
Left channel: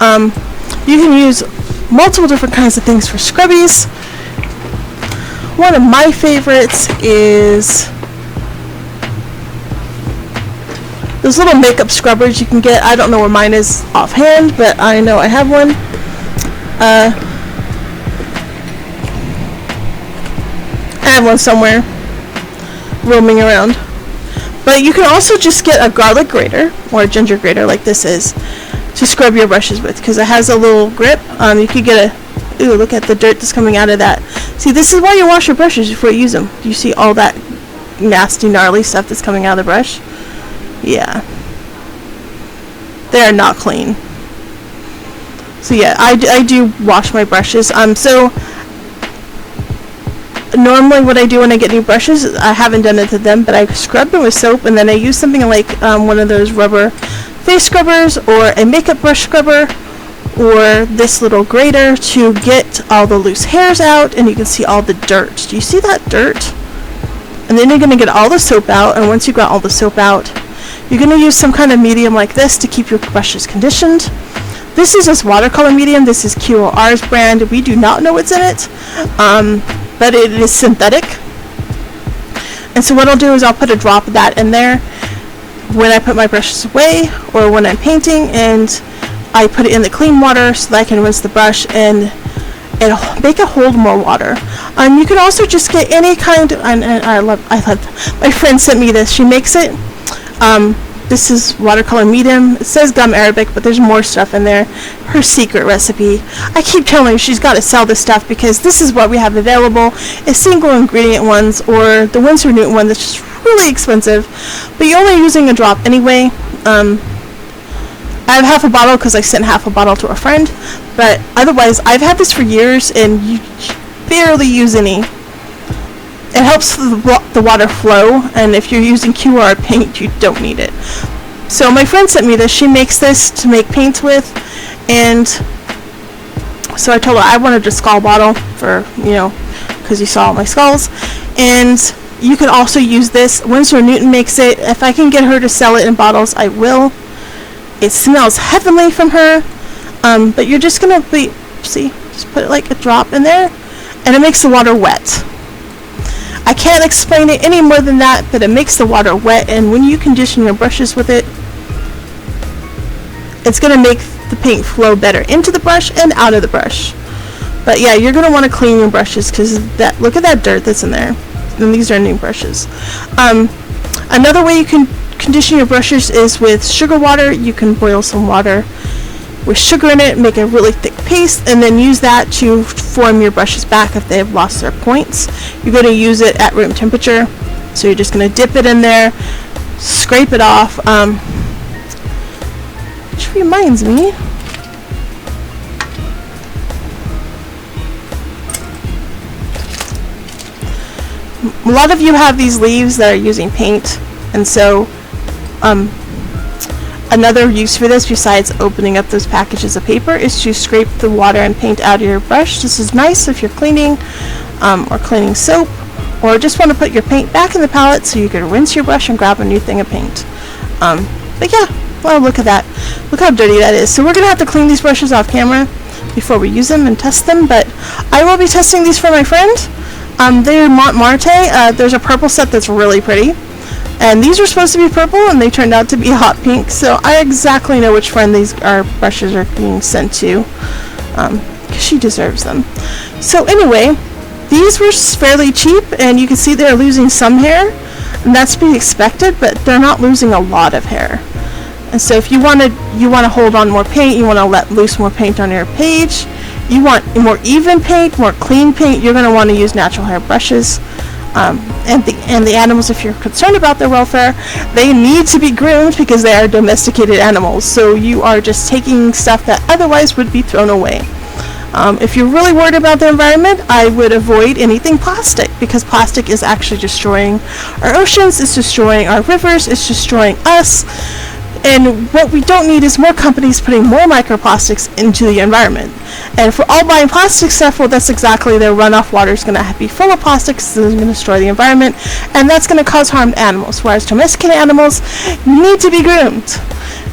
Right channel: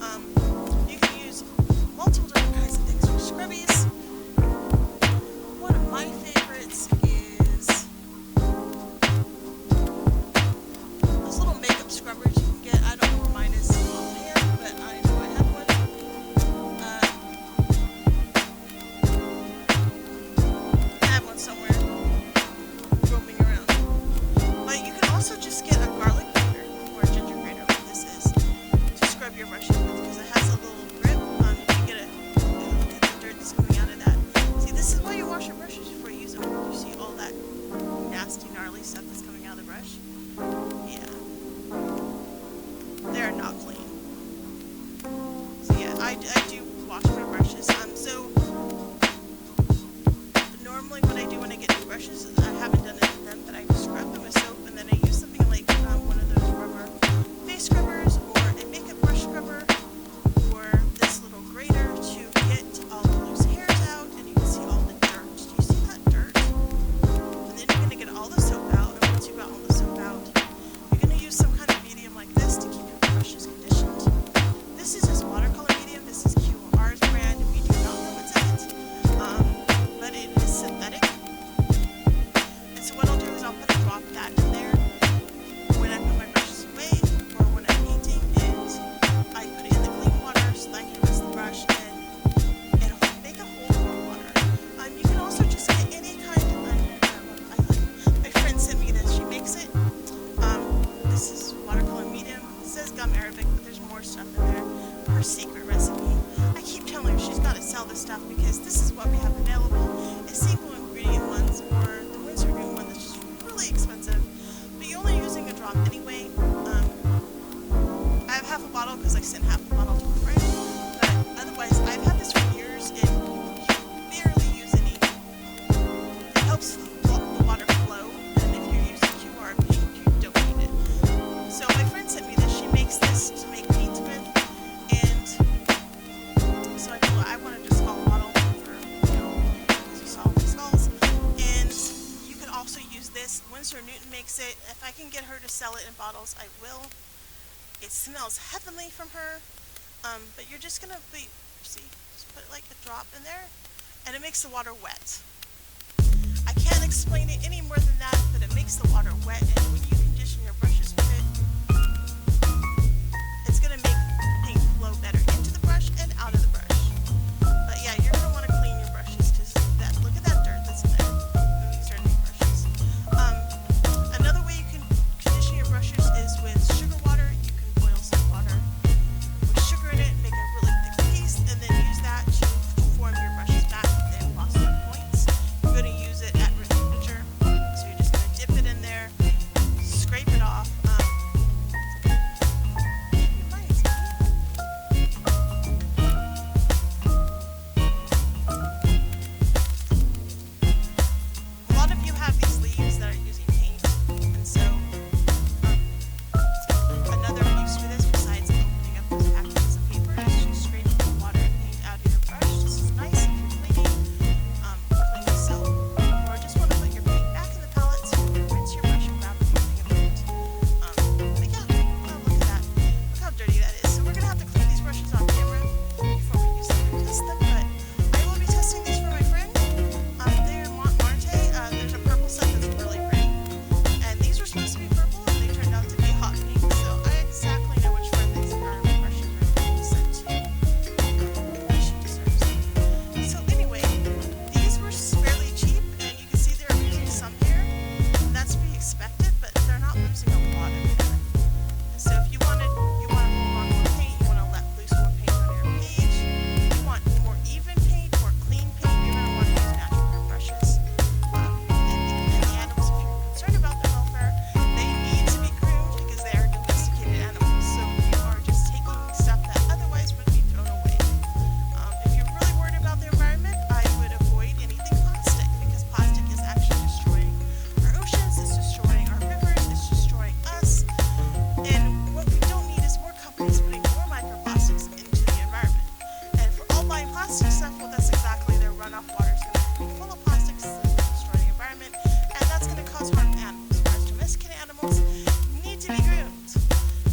You can use multiple different kinds of things for scrubbies. One of my favorites is those little makeup scrubbers you can get. I don't know where mine is offhand, but I know I have one. I have one somewhere roaming around. But you can also just get a garlic grater or a ginger grater like this is to scrub your brushes with, because it has a little grip. You could get a, ooh, look at the dirt that's coming out of that. See, this is why you wash your brushes before you use them. You see all that nasty, gnarly stuff that's coming out of the brush? Yeah. They're not clean. So yeah, I do wash my brushes. So normally what I do when I get new brushes, I haven't done it to them, but I scrub them with soap, and then I use something like one of those rubber face scrubbers or a makeup brush scrubber or this little grater to get all the loose hairs out, and you can see all the dirt. Do you see that dirt? And then you're going to get all the soap out, and once you've got all the soap out, you're going to use some kind of medium like this to keep your brushes conditioned. This is just watercolor medium. This is QOR's brand. We do not know what's in it, but it is synthetic. And so what I'll do is I'll put a drop of that in there when I put my brushes away or when I'm painting, and I put it in the clean water so that I can rinse the brush and make it hold more water. You can also just get any kind of, and I love, my friend sent me this. She makes it. This is watercolor medium. It says gum arabic, but there's more stuff in there. Her secret recipe. I keep telling her she's got to sell this stuff because this is what we have available. A single ingredient ones, or the Winsor Newton one that's just really expensive, but you're only using a drop anyway. I have half a bottle because I sent half a bottle to a friend, but otherwise I've had this for years and you barely use any. It helps the water flow, and if you're using QR paint, you don't need it. So my friend sent me this. She makes this to make paints with, and so I told her I wanted a skull bottle for, you know, because you saw all my skulls. And you can also use this. Winsor Newton makes it. If I can get her to sell it in bottles, I will. It smells heavenly from her, but you're just gonna just put it like a drop in there, and it makes the water wet. I can't explain it any more than that, but it makes the water wet, and when you condition your brushes with it, it's going to make the paint flow better into the brush and out of the brush. But yeah, you're going to want to clean your brushes because look at that dirt that's in there. And these are new brushes. Another way you can condition your brushes is with sugar water. You can boil some water with sugar in it, make a really thick paste, and then use that to form your brushes back if they have lost their points. You're going to use it at room temperature, so you're just going to dip it in there, scrape it off, which reminds me, a lot of you have these leaves that are using paint, and so another use for this, besides opening up those packages of paper, is to scrape the water and paint out of your brush. This is nice if you're cleaning or cleaning soap, or just want to put your paint back in the palette so you can rinse your brush and grab a new thing of paint. But yeah, well, look at that. Look how dirty that is. So we're going to have to clean these brushes off camera before we use them and test them, but I will be testing these for my friend. They're Montmartre. There's a purple set that's really pretty. And these were supposed to be purple, and they turned out to be hot pink, so I exactly know which friend these brushes are being sent to, because she deserves them. So anyway, these were fairly cheap, and you can see they're losing some hair, and that's to be expected, but they're not losing a lot of hair. And so if you want to hold on more paint, you want to let loose more paint on your page, you want more even paint, more clean paint, you're going to want to use natural hair brushes. and the animals, if you're concerned about their welfare, they need to be groomed because they are domesticated animals. So you are just taking stuff that otherwise would be thrown away. If you're really worried about the environment, I would avoid anything plastic, because plastic is actually destroying our oceans, it's destroying our rivers, it's destroying us. And what we don't need is more companies putting more microplastics into the environment. And if we're all buying plastic stuff, well, that's exactly, their runoff water is going to be full of plastics, so it's going to destroy the environment, and that's going to cause harm to animals. Whereas domesticated animals need to be groomed.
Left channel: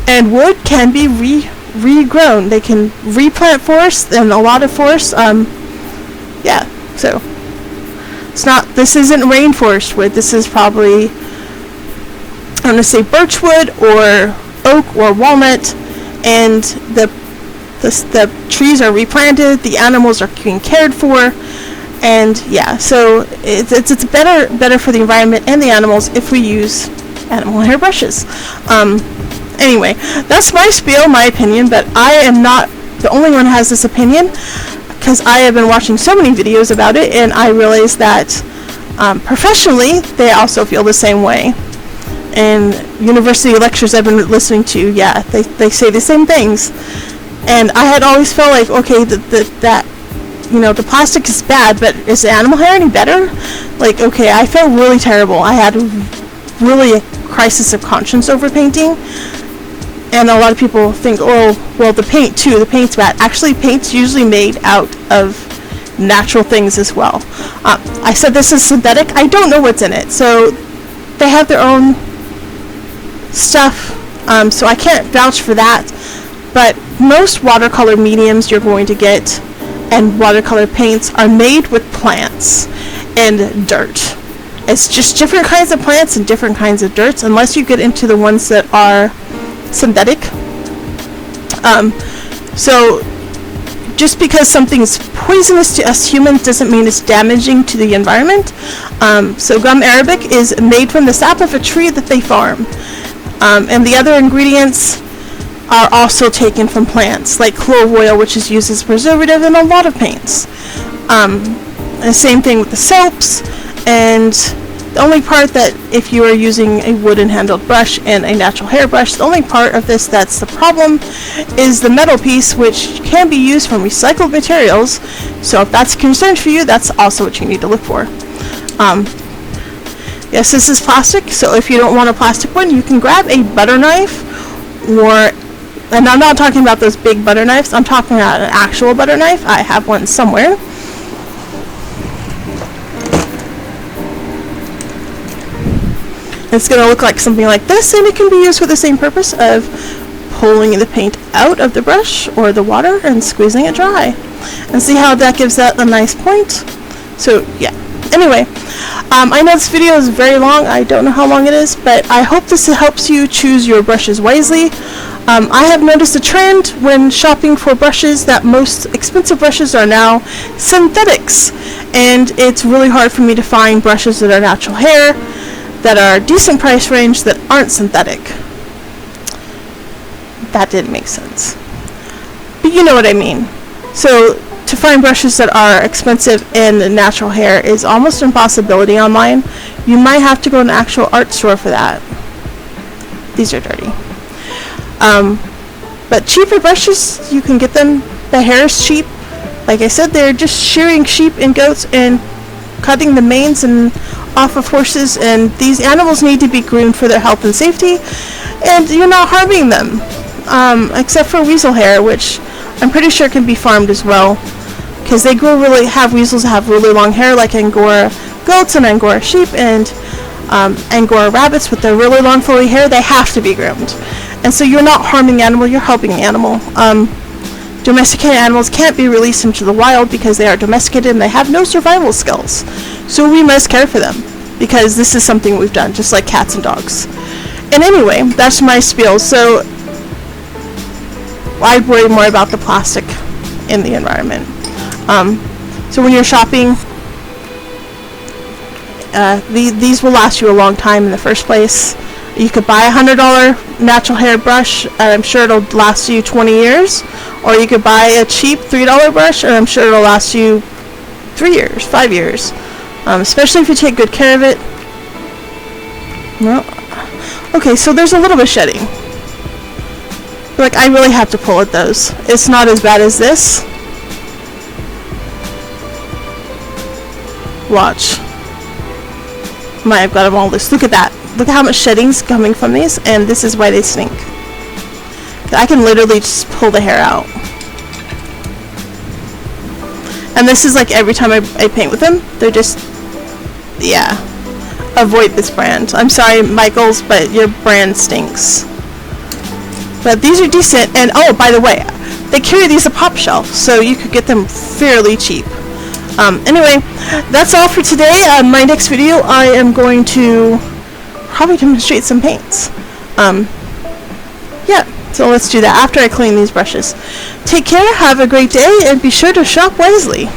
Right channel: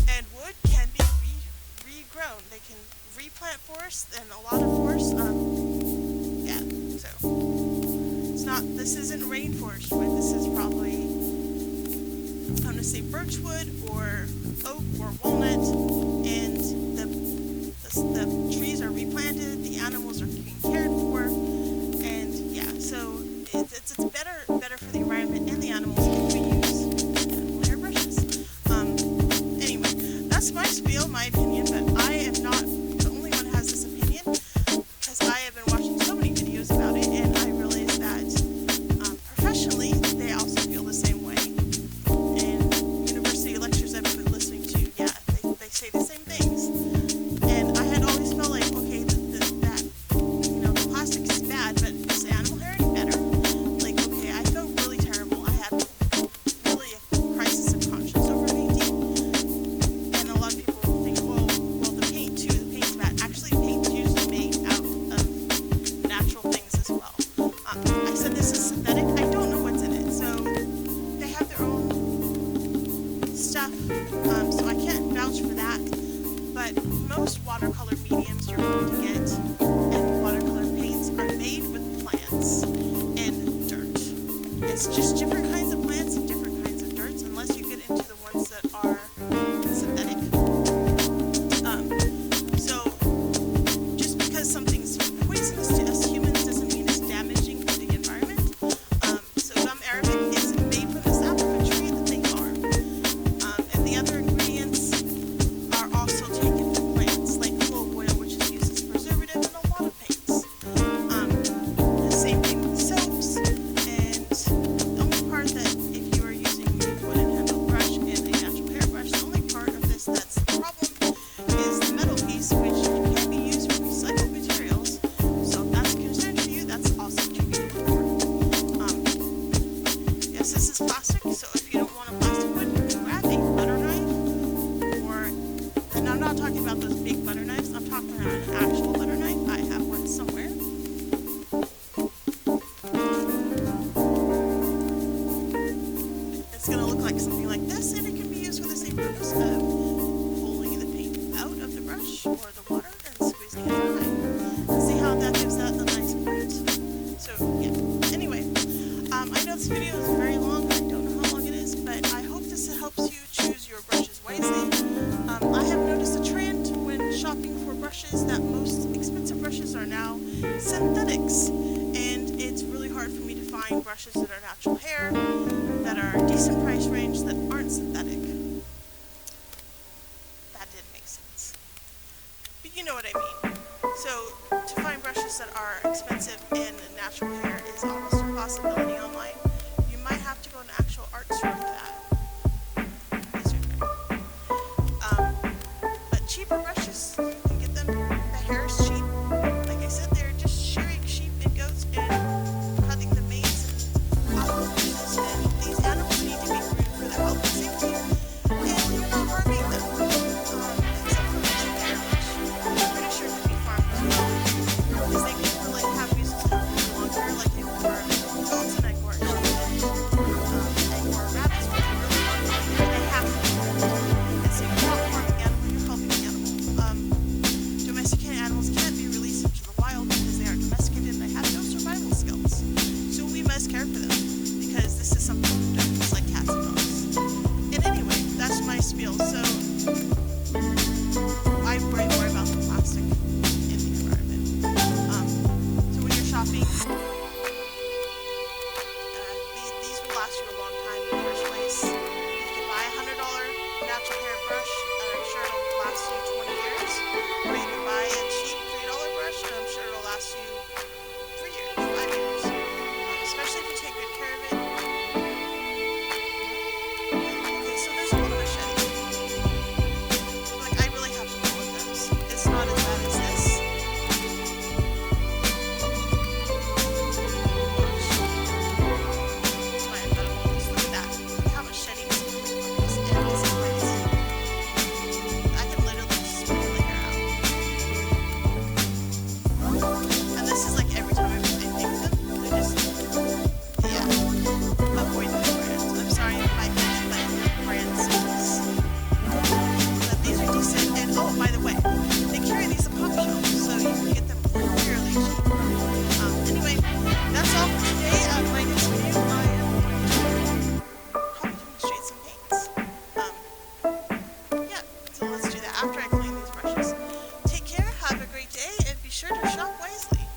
And wood can be regrown. They can replant forests, and a lot of forests, yeah, so it's not, this isn't rainforest wood, this is probably, I'm going to say birchwood or oak or walnut, and the trees are replanted, the animals are being cared for, and yeah, so it's better for the environment and the animals if we use animal hair brushes. Anyway, that's my spiel, my opinion, but I am not the only one who has this opinion, because I have been watching so many videos about it, and I realize that professionally they also feel the same way. And university lectures I've been listening to, yeah, they say the same things. And I had always felt like, okay, that you know, the plastic is bad, but is the animal hair any better? Like, okay, I felt really terrible. I had really a crisis of conscience over painting. And a lot of people think, oh, well, the paint too, the paint's bad. Actually, paint's usually made out of natural things as well. I said this is synthetic. I don't know what's in it. So they have their own stuff, so I can't vouch for that. But most watercolor mediums you're going to get and watercolor paints are made with plants and dirt. It's just different kinds of plants and different kinds of dirts, unless you get into the ones that are synthetic. So just because something is poisonous to us humans doesn't mean it's damaging to the environment. So gum arabic is made from the sap of a tree that they farm. And the other ingredients are also taken from plants, like clove oil, which is used as preservative in a lot of paints. The same thing with the soaps, and the only part that, if you are using a wooden handled brush and a natural hair brush, the only part of this that's the problem is the metal piece, which can be used from recycled materials. So if that's a concern for you, that's also what you need to look for. Yes, this is plastic, so if you don't want a plastic one, you can grab a butter knife, and I'm not talking about those big butter knives, I'm talking about an actual butter knife. I have one somewhere. It's going to look like something like this, and it can be used for the same purpose of pulling the paint out of the brush or the water and squeezing it dry. And see how that gives that a nice point? So yeah, anyway. I know this video is very long. I don't know how long it is, but I hope this helps you choose your brushes wisely. I have noticed a trend when shopping for brushes that most expensive brushes are now synthetics, and it's really hard for me to find brushes that are natural hair, that are decent price range, that aren't synthetic. That didn't make sense, but you know what I mean. So to find brushes that are expensive and natural hair is almost an impossibility online. You might have to go to an actual art store for that. These are dirty. But cheaper brushes, you can get them. The hair is cheap. Like I said, they're just shearing sheep and goats and cutting the manes and off of horses, and these animals need to be groomed for their health and safety, and you're not harming them, except for weasel hair, which I'm pretty sure can be farmed as well, because they have weasels that have really long hair, like Angora goats and Angora sheep and Angora rabbits with their really long flowy hair. They have to be groomed, and so you're not harming the animal, you're helping the animal. Domesticated animals can't be released into the wild because they are domesticated and they have no survival skills, so we must care for them, because this is something we've done, just like cats and dogs. And anyway, that's my spiel. So I'd worry more about the plastic in the environment. So when you're shopping, these will last you a long time in the first place. You could buy a $100 natural hair brush, and I'm sure it'll last you 20 years. Or you could buy a cheap $3 brush, and I'm sure it'll last you 3 years, 5 years. especially if you take good care of it. Well, okay, so there's a little bit of shedding. Like, I really have to pull at those. It's not as bad as this. Watch. I've got them all loose. Look at that. Look at how much shedding's coming from these, and this is why they stink. I can literally just pull the hair out. And this is like every time I paint with them, they're just, yeah. Avoid this brand. I'm sorry, Michaels, but your brand stinks. But these are decent, and oh, by the way, they carry these at Pop Shelf, so you could get them fairly cheap. Anyway, that's all for today. My next video, I am going to probably demonstrate some paints. Yeah, so let's do that after I clean these brushes. Take care, have a great day, and be sure to shop wisely.